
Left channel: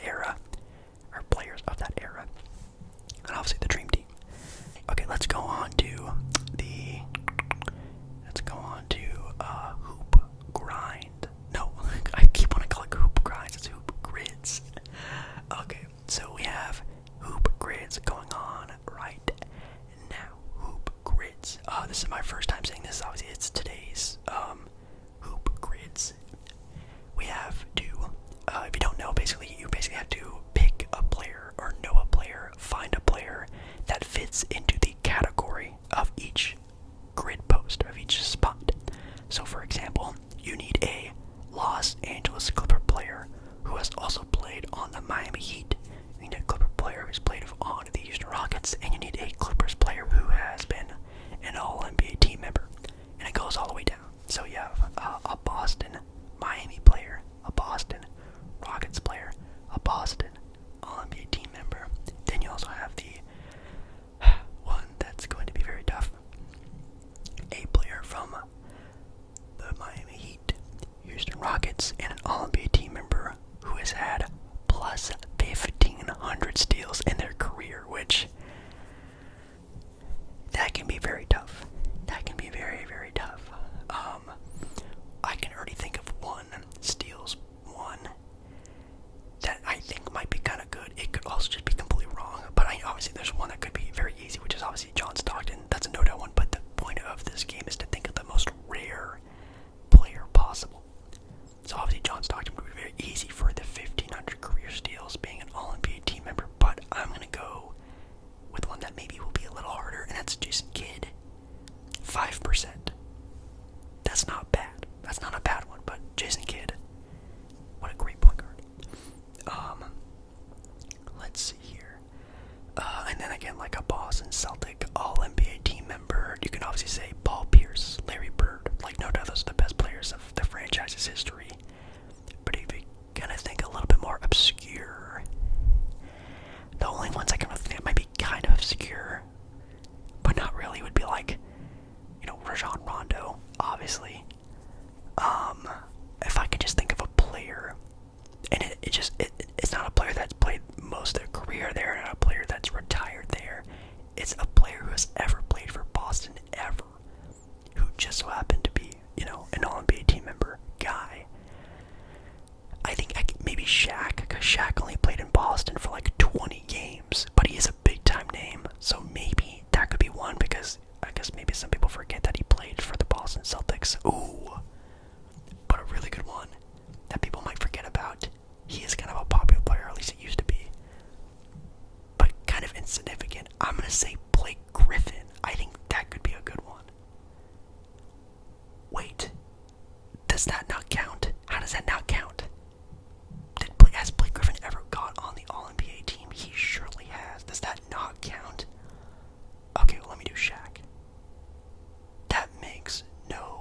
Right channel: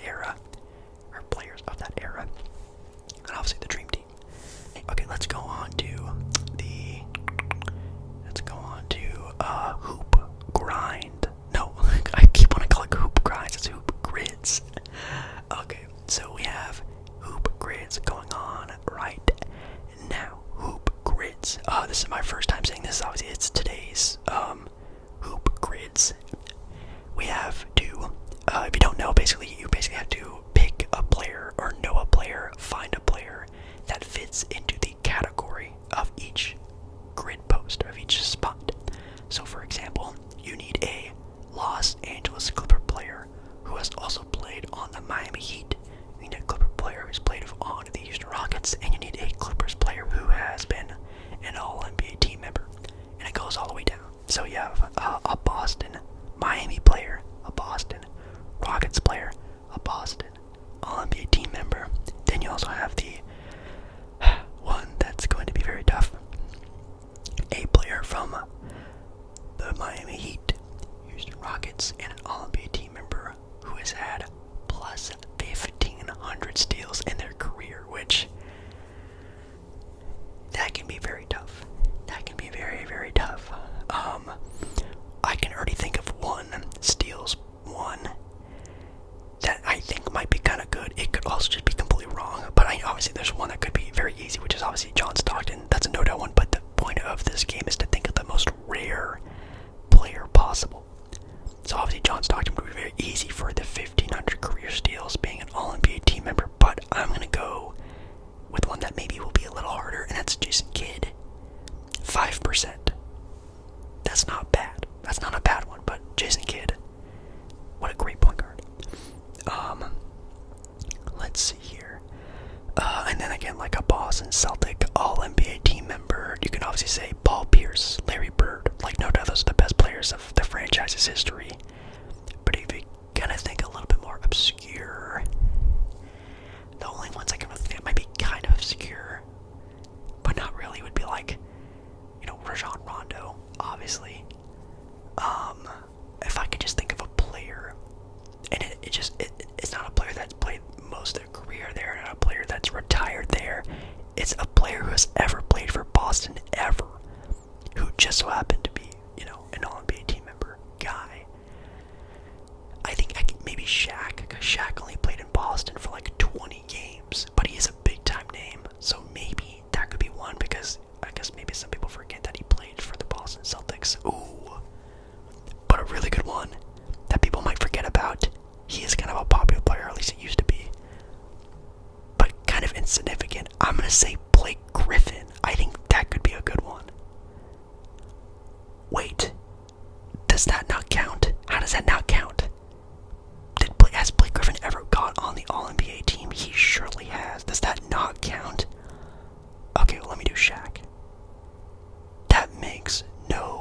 that era, or players of that era, and obviously the Dream Team. Okay, let's go on to hoop grind. No, I keep wanting to call it hoop grinds. It's hoop grids. Okay, so we have hoop grids going on right now. Hoop grids. This is my first time saying this. Obviously, it's today's hoop grids. We have to, if you don't know, you basically have to pick a player or know a player, find a player that fits into the category of each grid post, of each spot. So for example, you need a Los Angeles Clipper player who has also played on the Miami Heat. You need a Clipper player who's played on the Houston Rockets, and you need a Clippers player who has been an All-NBA team member. And it goes all the way down. So you have a Boston Miami player, a Boston Rockets player, a Boston All-NBA team member. Then you also have the one that's going to be very tough. A player from the Miami Heat, Houston Rockets, and an All-NBA team member who has had plus 1,500 steals in their career, which that can be very tough. That can be very, very tough. I can already think of one that I think might be kind of good. It could also just be completely wrong, but obviously there's one that could be very easy, which is obviously John Stockton. That's a no-doubt one, but the point of this game is to think of the most rare player possible. So obviously John Stockton would be very easy for the 1,500 career steals, being an All-NBA team member, but I'm going to go with one that maybe will be a little harder, and that's Jason Kidd. 5%. That's not bad. That's not a bad one, but Jason Kidd, what a great point guard. Let's see here. And then again, like a Boston Celtic All-NBA team member, you can obviously say Paul Pierce, Larry Bird. Like, no doubt those are the best players of the franchise's history. But if you kind of think a little bit more obscure, the only ones I can really think that might be kind of obscure, but not really, would be like, Rajon Rondo, obviously. If I could just think of a player, and it's not a player that's played most of their career there, not a player that's retired there. It's a player who has ever played for Boston ever, who just so happened to be, an All-NBA team member guy. I think maybe Shaq, because Shaq only played in Boston for like 20 games, but he is a big-time name, so maybe that could be one, because I guess maybe some people forget that he played for the Boston Celtics. Ooh, but a really good one that people might forget about. He is kind of a popular player, or at least it used to be, but kind of insignificant. I'm going to say Blake Griffin. I think that could be a good one. Wait, does that not count? How does that not count? Has Blake Griffin ever got on the All-NBA team? He surely has. Does that not count? Okay, well, let me do Shaq. That makes no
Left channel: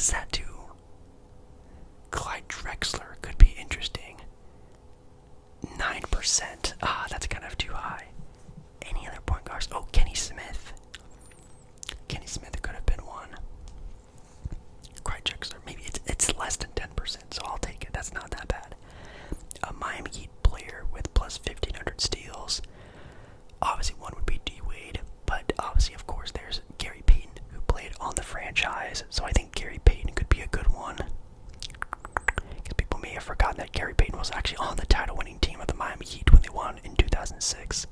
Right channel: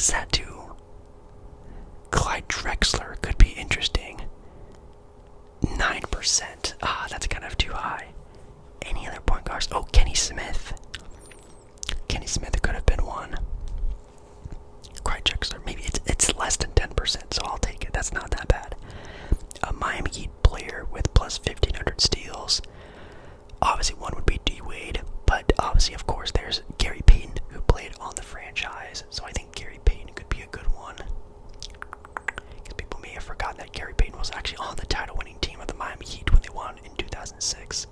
is that too? Clyde Drexler could be interesting. 9%. That's kind of too high. Any other point guards? Oh, Kenny Smith. Kenny Smith could have been one. Clyde Drexler, maybe it's less than 10%, so I'll take it. That's not that bad. A Miami Heat player with plus 1,500 steals. Obviously, one would be D Wade, but obviously, of course, there's Gary Payton who played on the franchise, so I think Gary Payton could be a good one. Because people may have forgotten that Gary Payton was actually on the title-winning team of the Miami Heat when they won in 2006.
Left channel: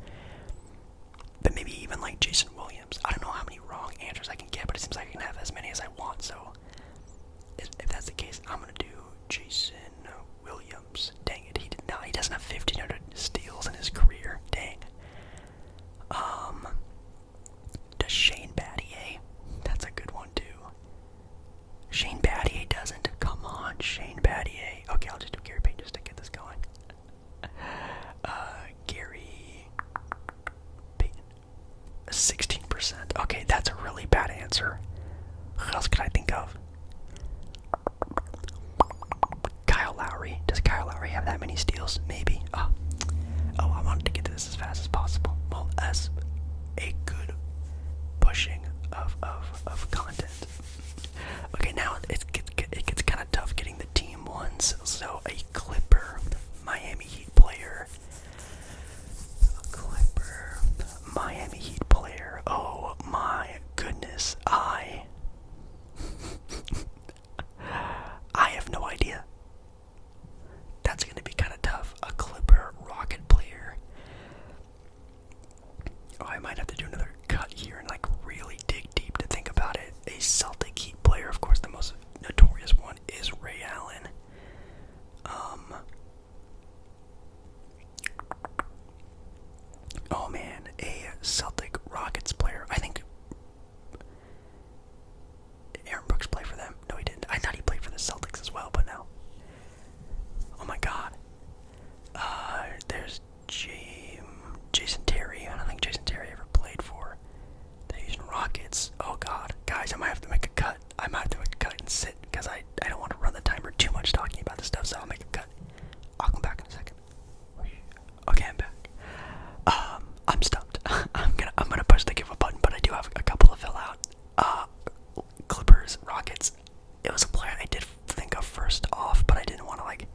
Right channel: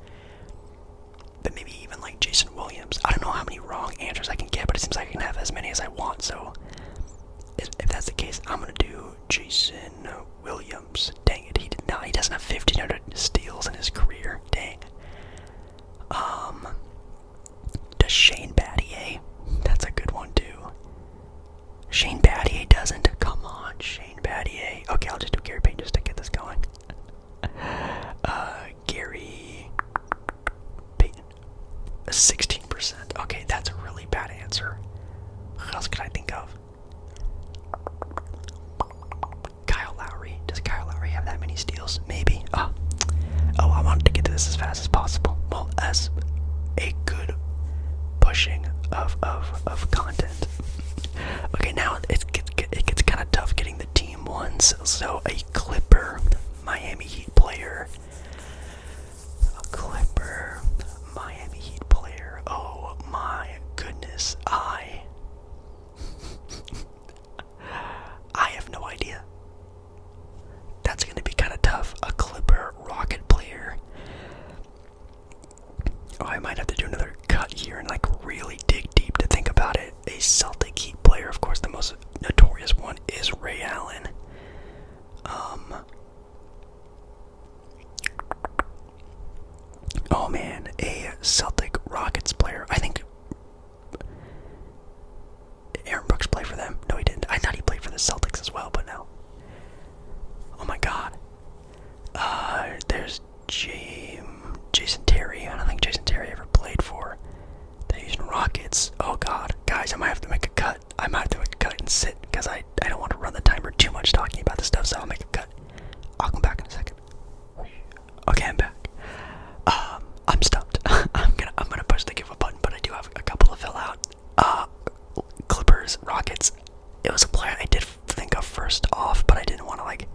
But maybe even like Jason Williams. I don't know how many wrong answers I can get, but it seems like I can have as many as I want, so if that's the case, I'm gonna do Jason Williams. Dang it, he doesn't have 1,500 steals in his career. Dang. Does Shane Battier? That's a good one too. Shane Battier doesn't. Come on, Shane Battier. Okay, I'll just do Gary Payton just to get this going. Gary Payton. 16%. Okay, that's a really bad answer. What else could I think of? Kyle Lowry. Does Kyle Lowry have that many steals? Maybe. Oh, I wanted to get to this as fast as possible. Well, as a good pushing of content. Okay, now it gets kind of tough getting the team ones. So a Clipper, Miami Heat player. A Clipper, Miami Heat player. Oh my goodness, I have no idea. That's going to be kind of tough. A Clipper Rocket player. Oh, I might have to do another cut here and like really dig deep to think about it. A Celtic Heat player, of course, the most notorious one is Ray Allen. Oh man, a Celtic Rockets player. I think Aaron Brooks played for them. No, he didn't. I thought he played for the Celtics as well, but no. Oh my god. There's Jason Terry. I don't think Jason Terry ever played for the Houston Rockets. Oh god. Guys, I might have to make a cut. I might have to make a cut and sit because I don't want to run the timer too much talking about this stuff, so I'll make a cut. I'll come back in a second. Okay, I'm back. I'm stumped. I'm gonna push the give up button, but I do have a couple to fill out. Clippers, Rockets. It was a player I did think of first off, but I didn't want to like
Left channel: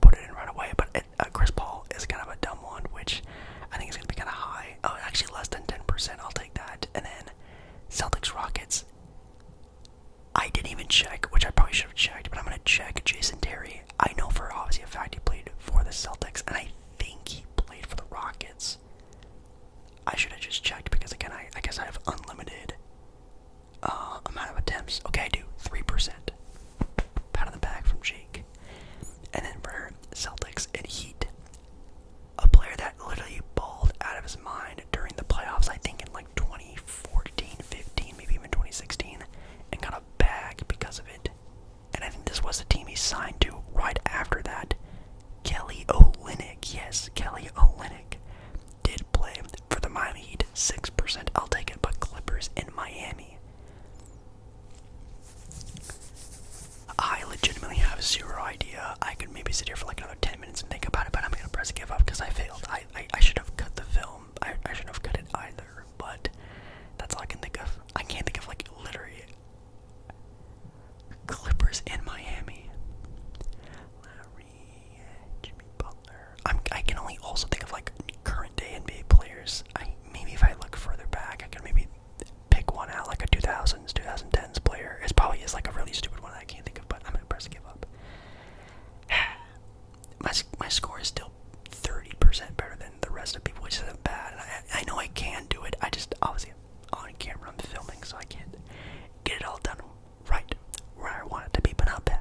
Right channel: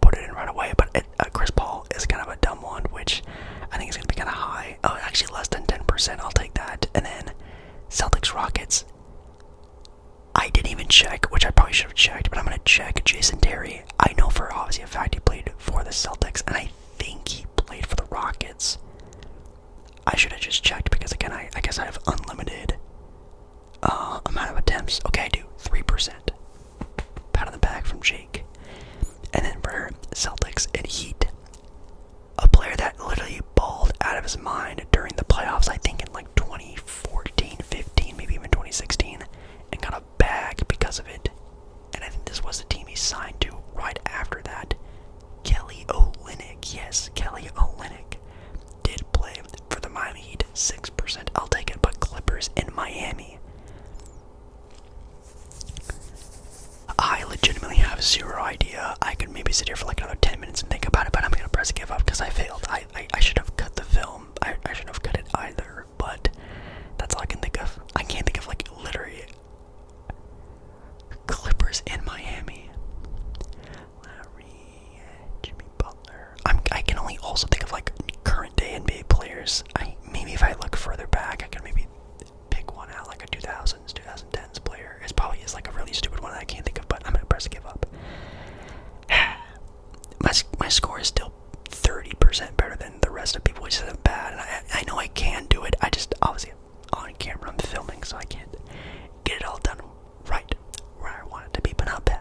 put it in right away. But Chris Paul is kind of a dumb one, which I think is gonna be kind of high. Oh, actually less than 10%. I'll take that. And then Celtics, Rockets. I didn't even check, which I probably should have checked, but I'm gonna check Jason Terry. I know for obviously a fact he played for the Celtics, and I think he played for the Rockets. I should have just checked because again, I guess I have unlimited amount of attempts. Okay, I do 3%. Pat on the back from Jake. And then for Celtics and Heat, a player that literally balled out of his mind during the playoffs, I think in like 2014, 15, maybe even 2016, and got a bag because of it. And I think this was the team he signed to right after that. Kelly Olynyk. Yes, Kelly Olynyk did play for the Miami Heat. 6%. I'll take it, but Clippers in Miami. I legitimately have zero idea. I could maybe sit here for like another 10 minutes and think about it, but I'm gonna press give up because I failed. I should have cut the film. I shouldn't have cut it either, but that's all I can think of. I can't think of like literally Clippers in Miami. Larry, Jimmy Butler. I can only also think of like current day NBA players. Maybe if I look further back, I can maybe pick one out, like a 2000s, 2010s player. It probably is like a really stupid one that I can't think of, but I'm gonna press give up. My score is still 30% better than the rest of people, which isn't bad. And I know I can do it. I just obviously on camera I'm filming, so I can't get it all done right where I want it to be, but not bad.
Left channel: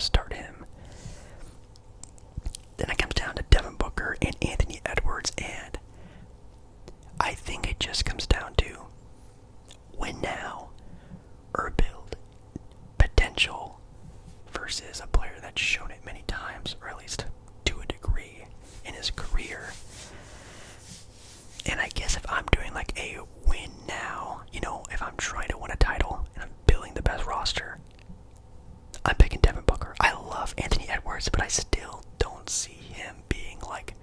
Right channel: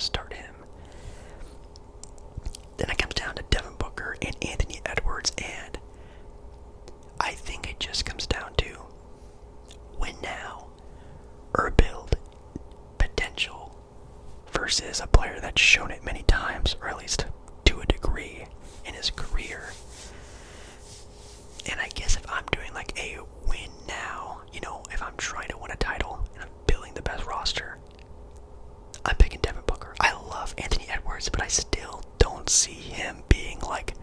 to start him. Then it comes down to Devin Booker and Anthony Edwards, and I think it just comes down to win now or build potential versus a player that's shown it many times, or at least to a degree in his career. And I guess if I'm doing like a win now, if I'm trying to win a title and I'm building the best roster, I'm picking Devin Booker. I love Anthony Edwards, but I still don't see him being like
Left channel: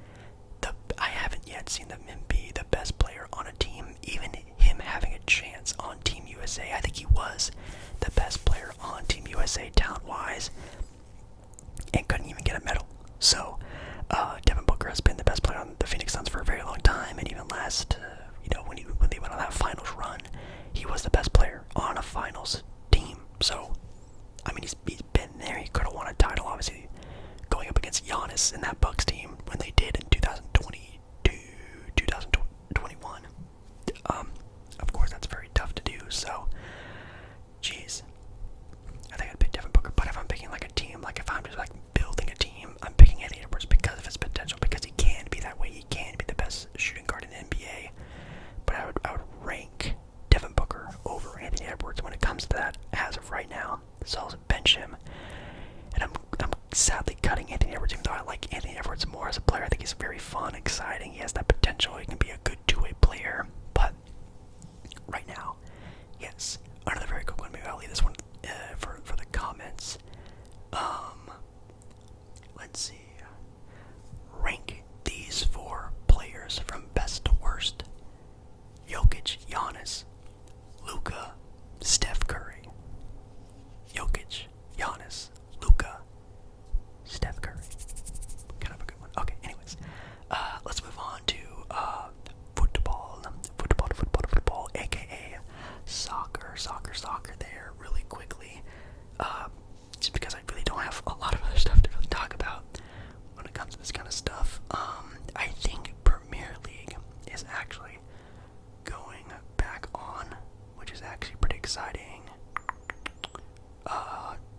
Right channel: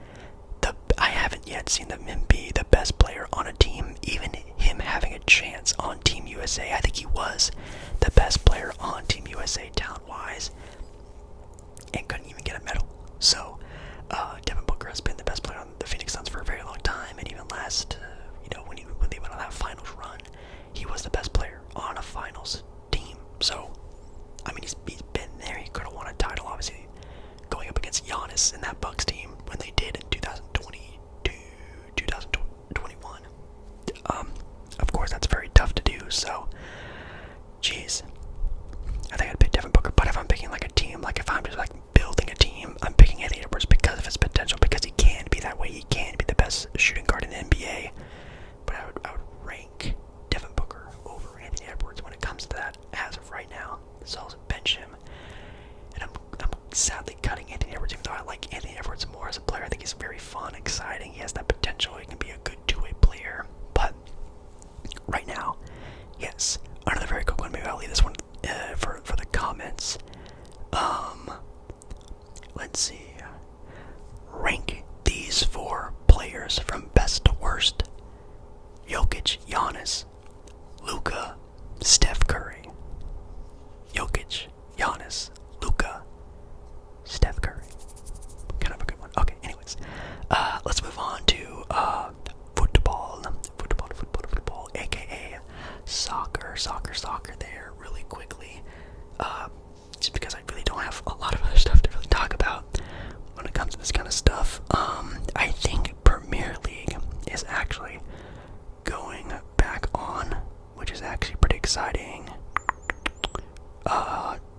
I haven't yet seen him be the best player on a team, even him having a chance on Team USA. I think he was the best player on Team USA talent-wise and couldn't even get a medal. So, Devin Booker has been the best player on the Phoenix Suns for a very long time, and even last, when they went on that finals run, he was the best player on a finals team. So, I mean, he's been there. He could have won a title, obviously, going up against Giannis in that Bucks team when they did in 2021. Of course, that's very tough to do. So, geez, I think I'd pick Devin Booker. But if I'm picking like a team, like if I'm just like building a team, I'm picking Anthony Edwards because of his potential, because he can be that way. He can be the best shooting guard in the NBA. But I would rank Devin Booker over Anthony Edwards when it comes to that as of right now. So I'll bench him. And I'm sadly cutting Anthony Edwards, even though I like Anthony Edwards more as a player. I think he's very fun, exciting. He has that potential. He can be a good two-way player. But right now, yes, another very quick one. Maybe I'll leave this one for the comments. Let's see. Rank these 4 players from best to worst. Jokic, Giannis, Luka, Steph Curry. Jokic, Giannis, Luka, Steph Curry. Kind of a good one. Okay, anyways. Let's move on to football, aka soccer there really quickly. Just because I really don't have a lot of other stuff to really talk about when it comes to this kind of stuff. I think Premier League is actually going back on, which is actually pretty exciting.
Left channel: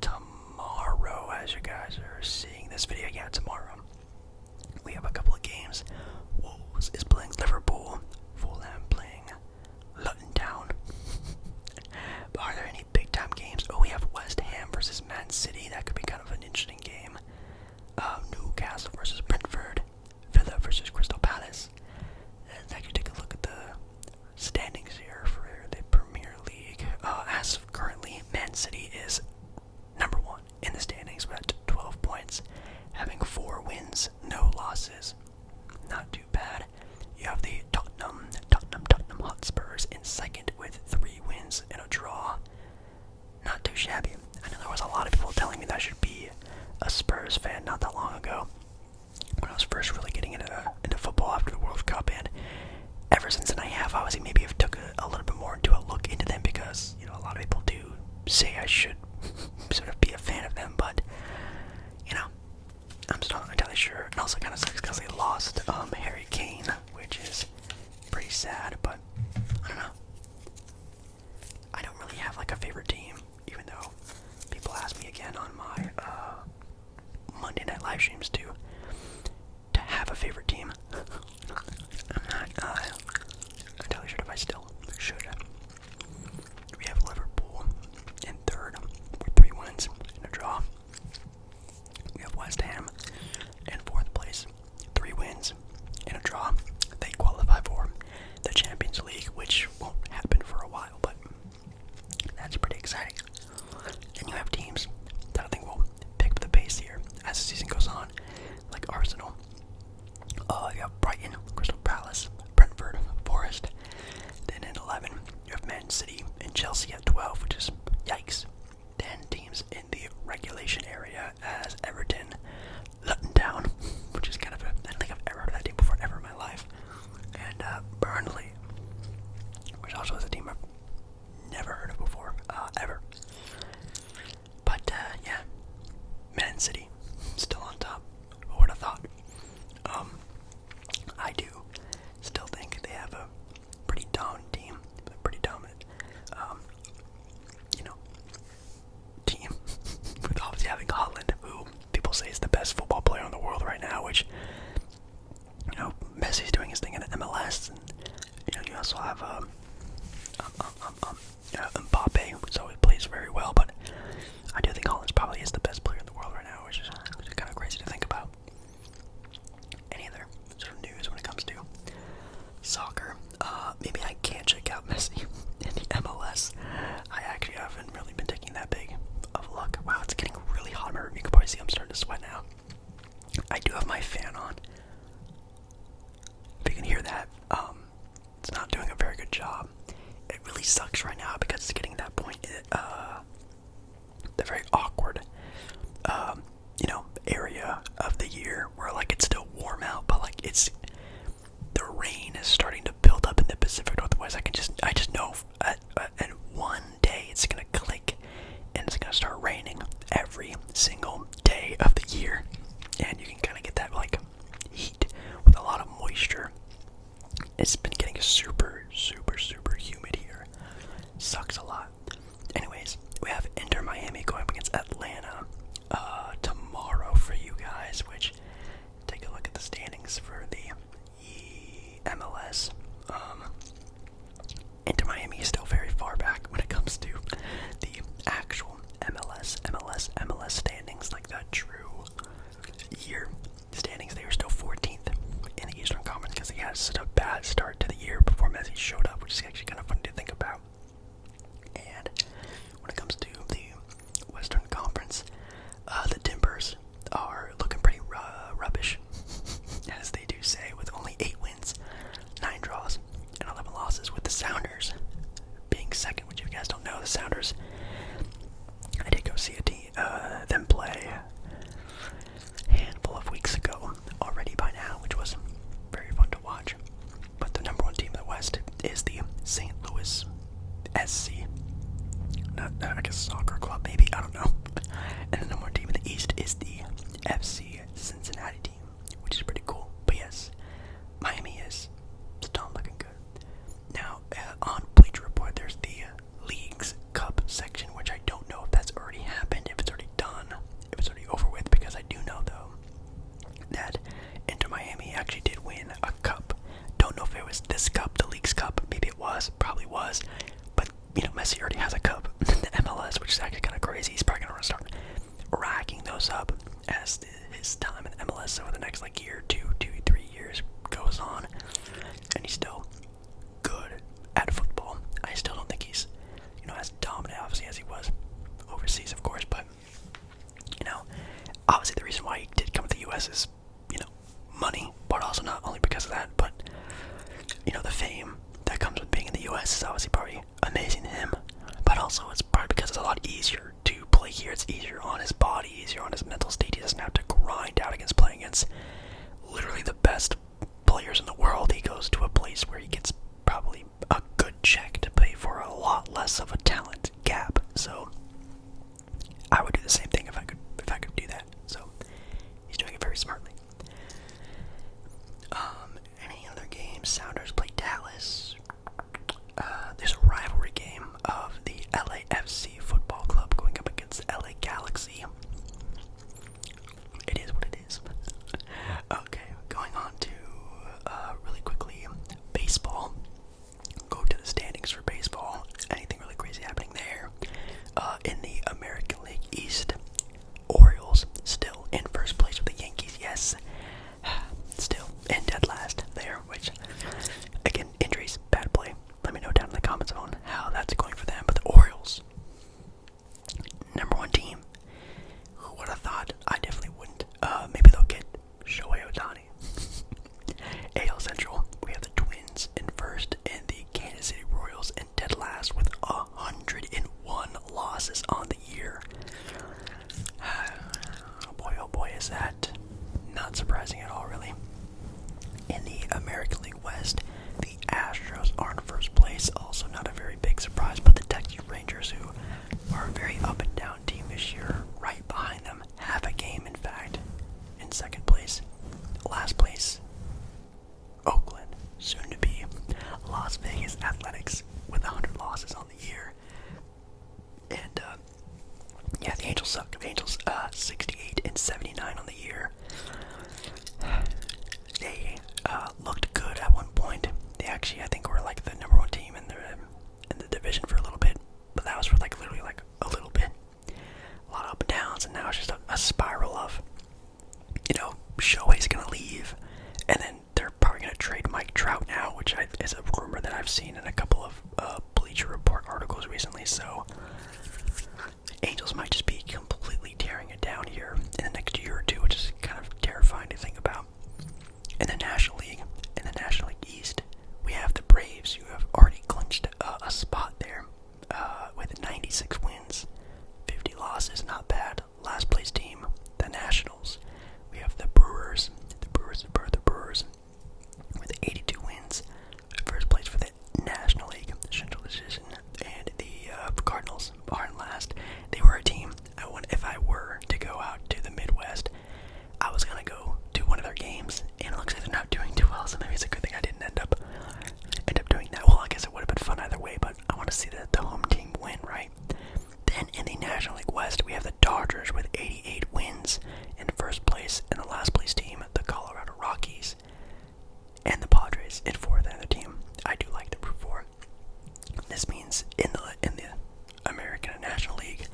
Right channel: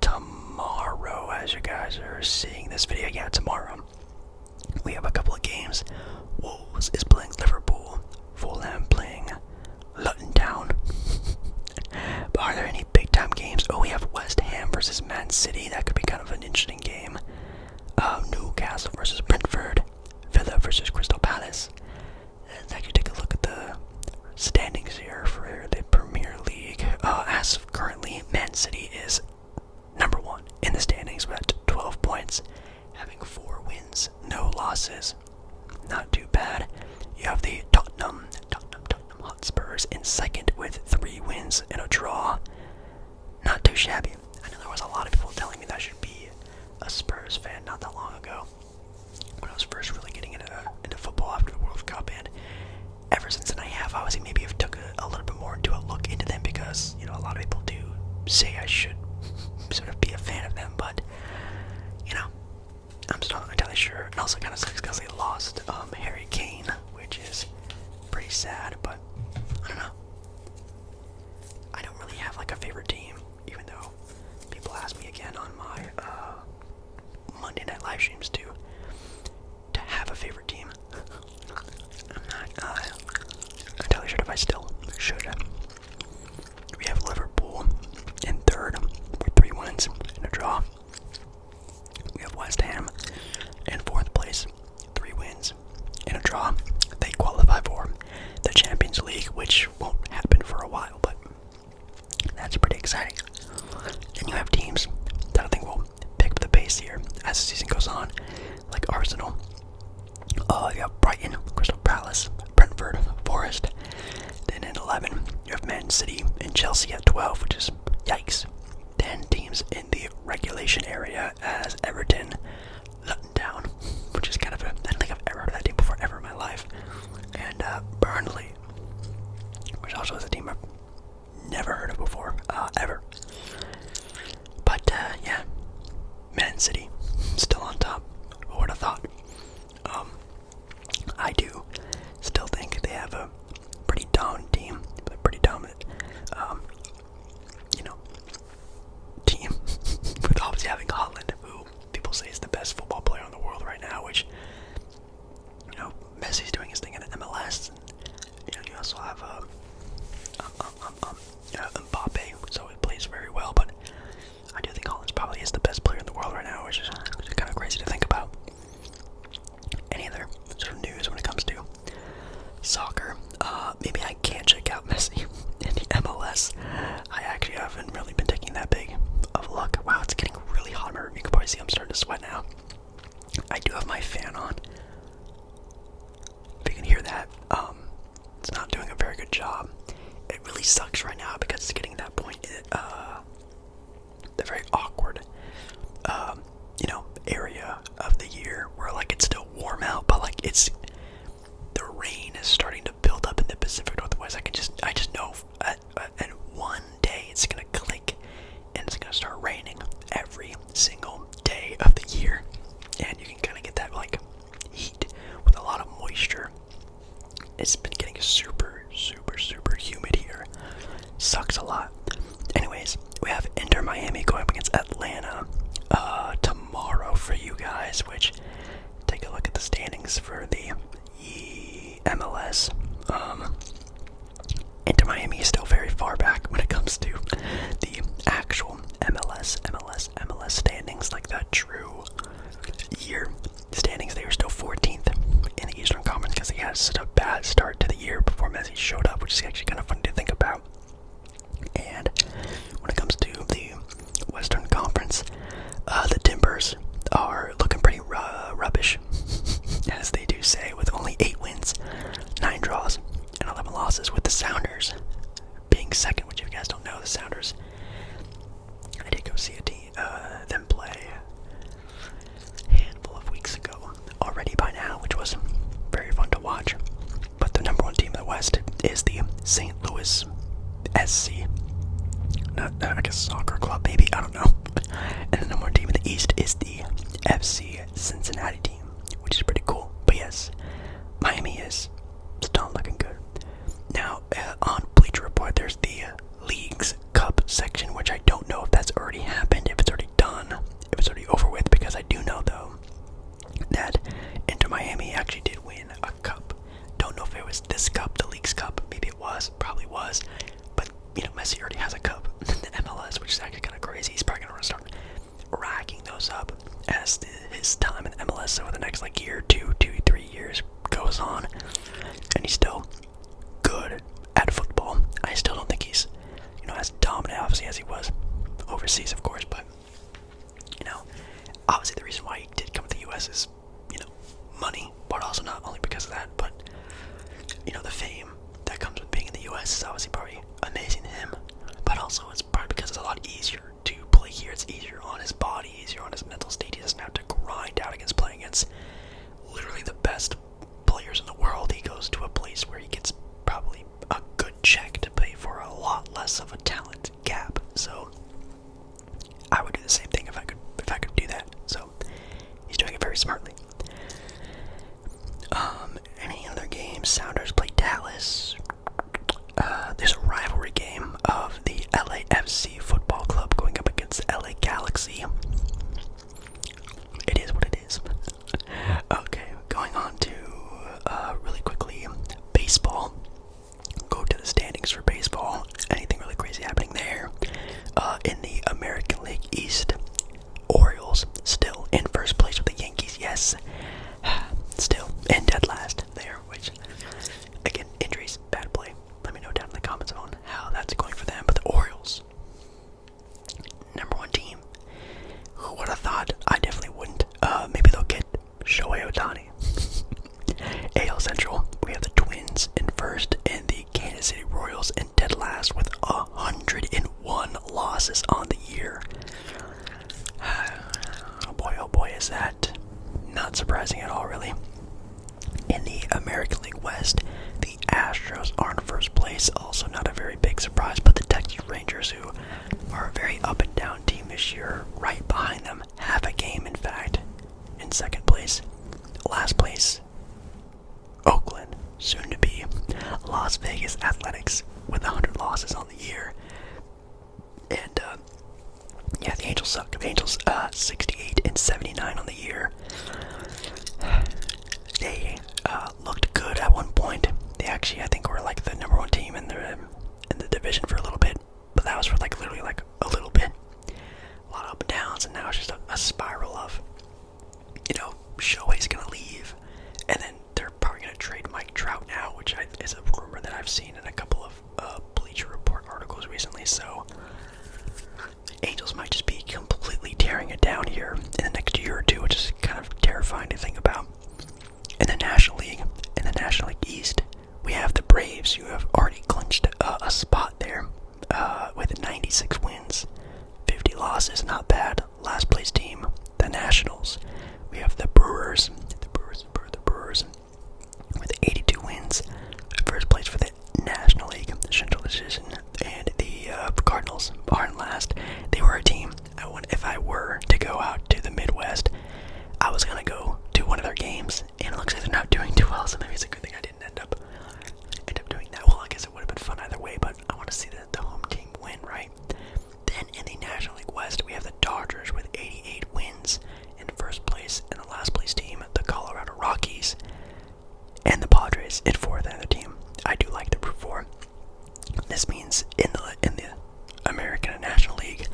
Tomorrow, as you guys are seeing this video, tomorrow, we have a couple of games. Wolves is playing Liverpool, Fulham playing Luton Town. But are there any big time games? Oh, we have West Ham versus Man City. That could be kind of an interesting game. Newcastle versus Brentford, Villa versus Crystal Palace. Let's actually take a look at the standings here for the Premier League. As of currently, Man City is number 1 in the standings with 12 points, having 4 wins, no losses. Not too bad. You have the Tottenham Hotspurs in second with 3 wins and a draw. Not too shabby. I know there was a lot of people telling me that I should be a Spurs fan not that long ago, when I was first really getting into football after the World Cup, and ever since then I have obviously maybe have took a little bit more into a look into them, because a lot of people do say I should sort of be a fan of them, but I'm still not entirely sure. It also kind of sucks because they lost Harry Kane, which is pretty sad, but I don't know. I don't really have like a favorite team, even though people ask me again on my Monday night live streams to have a favorite team. I'm not entirely sure if I still should. We have Liverpool in third with 3 wins and a draw. We have West Ham in 4th place, 3 wins and a draw. They qualify for the Champions League, which won't happen for a while, but that's pretty exciting. Then you have teams that I think will pick up the pace here as the season goes on, like Arsenal. You have Brighton, Crystal Palace, Brentford, Forest. Then in 11, you have Man City and Chelsea at 12, which is yikes. Then teams in the regulation area as Everton, Luton Town, which is kind of I don't think I've ever heard of that team before ever in my life. And Burnley, which also is a team I've never heard of before, ever. But yeah, Man City still on top. Who would have thought? I do still think they have a pretty dominant team, team with obviously having Holland, of my fan on. If you can hear that, it's not doing a very good job. It really sucks right now because it's getting to that point, the very awkward, area of the year where like it's still warm out, but like the rain is starting to build up in the Pacific Northwest. I just know in one day it's gonna click and it's gonna start raining every single day of the year, and you can kind of get that like heat with a lot of moisture. It's been getting super humid here. Sucks a lot. Anyways, we have Inter Miami going up against Atlanta tomorrow for you guys, which take a look at the standings for the MLS. Inter Miami is still very far back when it comes to the actual MLS standings, like the true year standings. They were still 14th in the Eastern Conference because they had such a bad start to the year before Messi showed up, which is actually kind of funny to think about. And when it comes to the Western Conference, the Timbers are looking pretty rubbish, as they do say, with only 8 wins, 9 draws, and 11 losses, with the Sounders being second, which if you guys don't know, the Sounders, I did go see them play a handful of weeks ago already by now, which was very fun to watch. But the number one team in the West is the St. Louis SC. I guess soccer club, maybe, I don't know. And the number one team in the East is the FC Cincinnati team, which is pretty cool. But yes, Miami is still looking good. Now, on Bleacher Report, there's the Leagues Cup section, which I don't know if that's already happened, if it's already done, if it's already over with, because I do know, though, that Inter Miami actually did win a cup. Don't know if it was this cup, the Leagues Cup, maybe it was, probably was, but, Messi already has a cup in the MLS, which is actually kind of crazy. He's probably going to start racking those up as his time in MLS over the next, year, 3 years goes on, and he's still good at football. I still don't think he's, as dominant, obviously, as he was overseas, of course, but, obviously the reason why he did come to the U.S. is, money, but also not only because of that, but, the fame that comes with being in the U.S. is obviously probably amazing to him, but also it's probably because it's a lot easier to play here. It's easier on his body, easier on his mental state. He doesn't have to grind out against playing against literally the best players in the world. He goes to a place where he gets probably a good check to pay for a lot less of a talent gap. So I would do the same thing if I could do that. So he's doing it very smartly. Any other games? Sounders play Dallas. There's a rivalry game of the LAFC football club going up against the LA Galaxy. It is what it is. Okay, going on to really quickly baseball. Go to the standings for baseball. Anything really crazy happening there? In the American League East, Orioles still in first place with the Yankees. Yes, still in dead last there. Which, again, injuries, bad play. Let me know down in the comments on how that's going for them. But the Orioles, number one team. Who would have thought? I definitely wouldn't. Maybe they'll get Shohei Ohtani. AL Central, we have the Twins in first and the Kansas City Royals in dead last with 101 losses on the year. Oh boy, is that not surprising at all, really. In the American League West, the Astros are in first place. Also not a very big surprise, but the Texas Rangers, who are a very up and down team this year, right behind them, half a game, in fact, in second place. Last place, Oakland, soon to be Las Vegas Athletics, with 100 losses on the year. And yeah, the Angels suck. The Angels 68 and 79 on the year. They looked good at one point. They actually, I think, were like the number one team in the division for a little bit, but that was for literally a little bit. A lot of up and downs, and now it's just a Nationals. We have the Brewers with 82 wins, first place for the National League Central Division, and the Cardinals are in last. They were a team. If I were to go out to the Midwest, I was gonna go to one of their games, and it looks like they're not doing too well. So maybe it's a good thing I didn't end up doing that. Well, I guess it would have been fun either way, but I want to see the home team win, right? Then in the National League West, we have the Dodgers with 88 wins in first place, and the last place team, the Colorado Rockies, and the Padres in fourth. Another team I do like to root for. This means in the American and National League,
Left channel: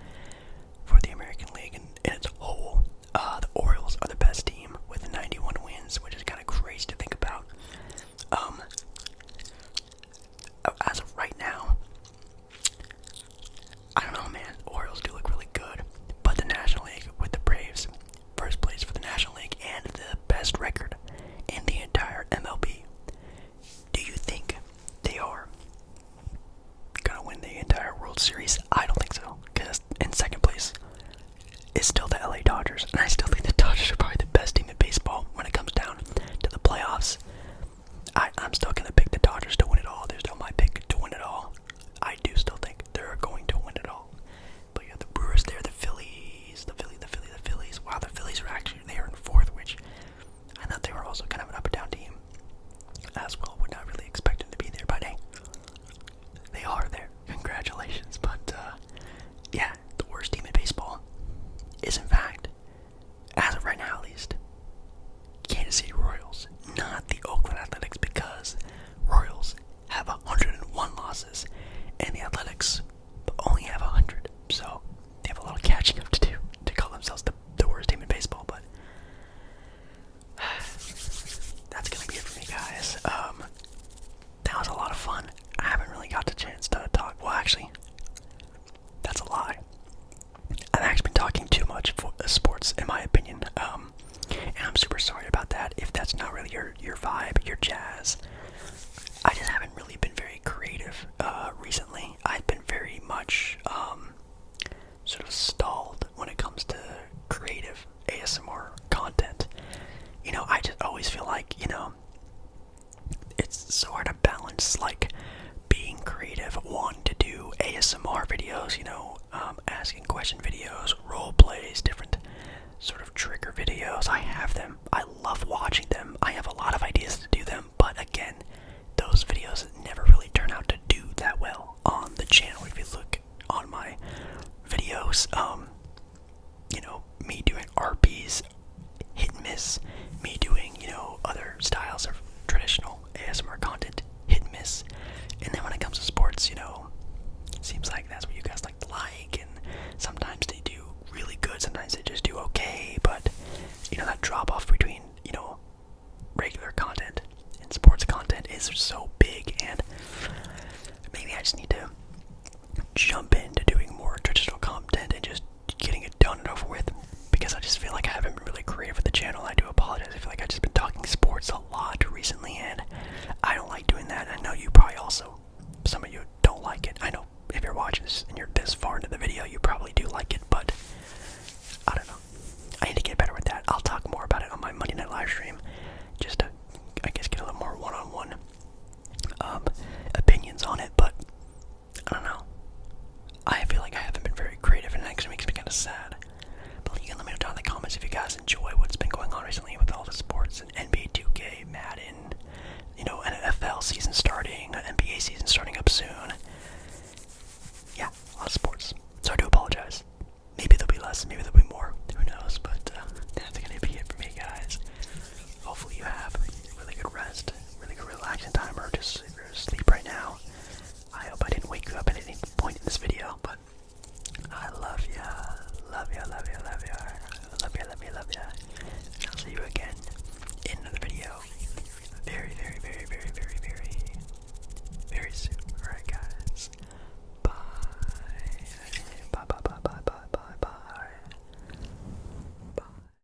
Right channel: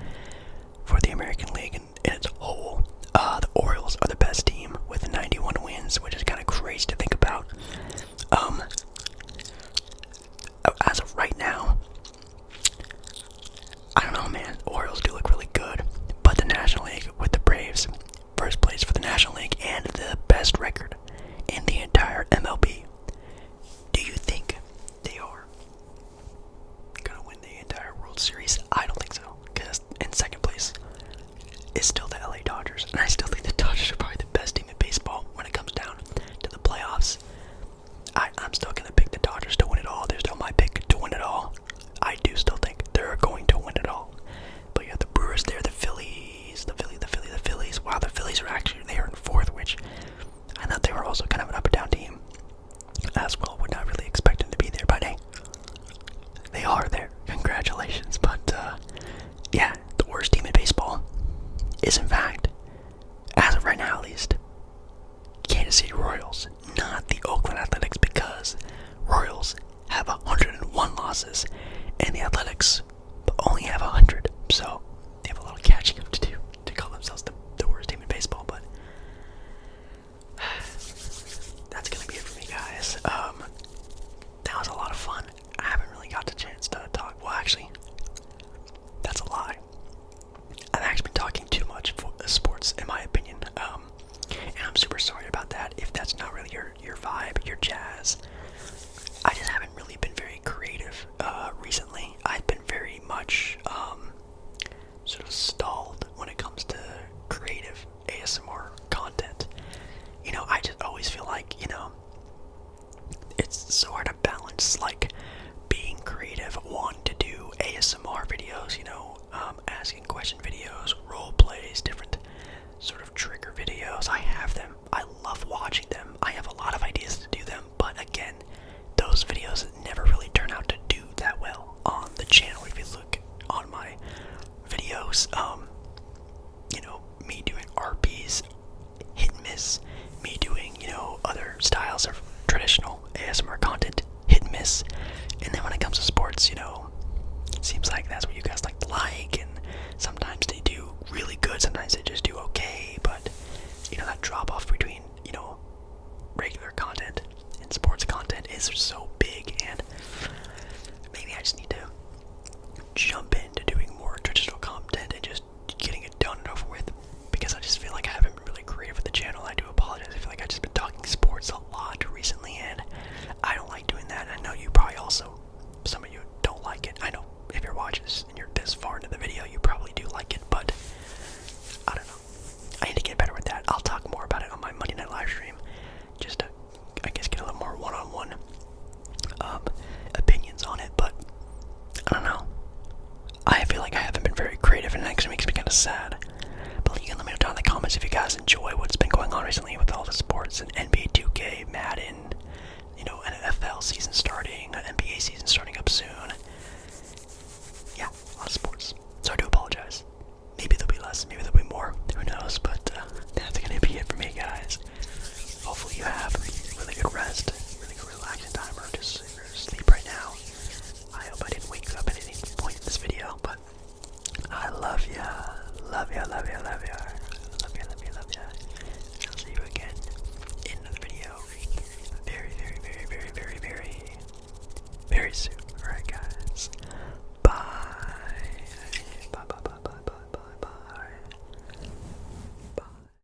for the American League in its whole, the Orioles are the best team with 91 wins, which is kind of crazy to think about. As of right now, I don't know, man. The Orioles do look really good, but the National League with the Braves, first place for the National League and the best record in the entire MLB. Do you think they are gonna win the entire World Series? I don't think so, because in second place is still the LA Dodgers, and I still think the Dodgers are probably the best team in baseball when it comes down to the playoffs. I'm still gonna pick the Dodgers to win it all. They're still my pick to win it all. I do still think they're going to win it all. But you have the Brewers there, the Phillies. Wow, the Phillies are actually there in fourth, which I thought they were also kind of an up and down team as well. Would not really expect them to be there, but hey, they are there. Congratulations. But yeah, the worst team in baseball is, in fact, as of right now at least, Kansas City Royals, not the Oakland Athletics, because Royals have 101 losses and the Athletics only have 100, so they have a lot of catching up to do to call themselves the worst team in baseball. But that's gonna be it for me, guys. That was a lot of fun. I haven't really got the chance to talk. Well, actually, that's a lie. I've actually been talking too much for sports, in my opinion. And I'm super sorry about that if that's not really your vibe, your jazz. I just haven't really been very creative recently. I've been very much sort of stalled when it comes to creative ASMR content. You know, I just always feel like, it's so hard to balance, like, being creative, wanting to do ASMR videos, asking question videos, role plays, different sort of trigger videos. I have them. I love watching them. I have a lot of ideas to do them, but again, those videos never really turn out to do that well on the channel. If you look on my videos, me doing RPs, hit and miss, me doing, other styles of traditional ASMR content, hit and miss, and then when it comes to sports, it seems like that's what you guys like, and sometimes they do really good, sometimes they just do okay, but, that drop off between, regular content and sports content is so big, and maybe I just need to jump into doing more traditional content and just getting it done and over with, because I just feel like I haven't been really creative with the channel. I do apologize. I feel like I've just been talking sports a lot recently, and I don't like doing that. I know you probably also, some of you don't like it. I know if you're watching this and you're this far into the video, you probably do like it, but I don't know. I need to get better with that. I'll talk more about it on my Monday night live stream, just to, I guess, get a little more one-on-one opinions on it, but I don't know. I feel like I haven't been very creative, and it actually makes me kind of sad. But you can let me know down in the comments if you guys enjoy what's been going on recently with all the sports and NBA 2K, Madden, NFL season starting, NBA season starting up soon. Yeah, a lot of sports. So I do apologize. Maybe there'll be less, maybe there'll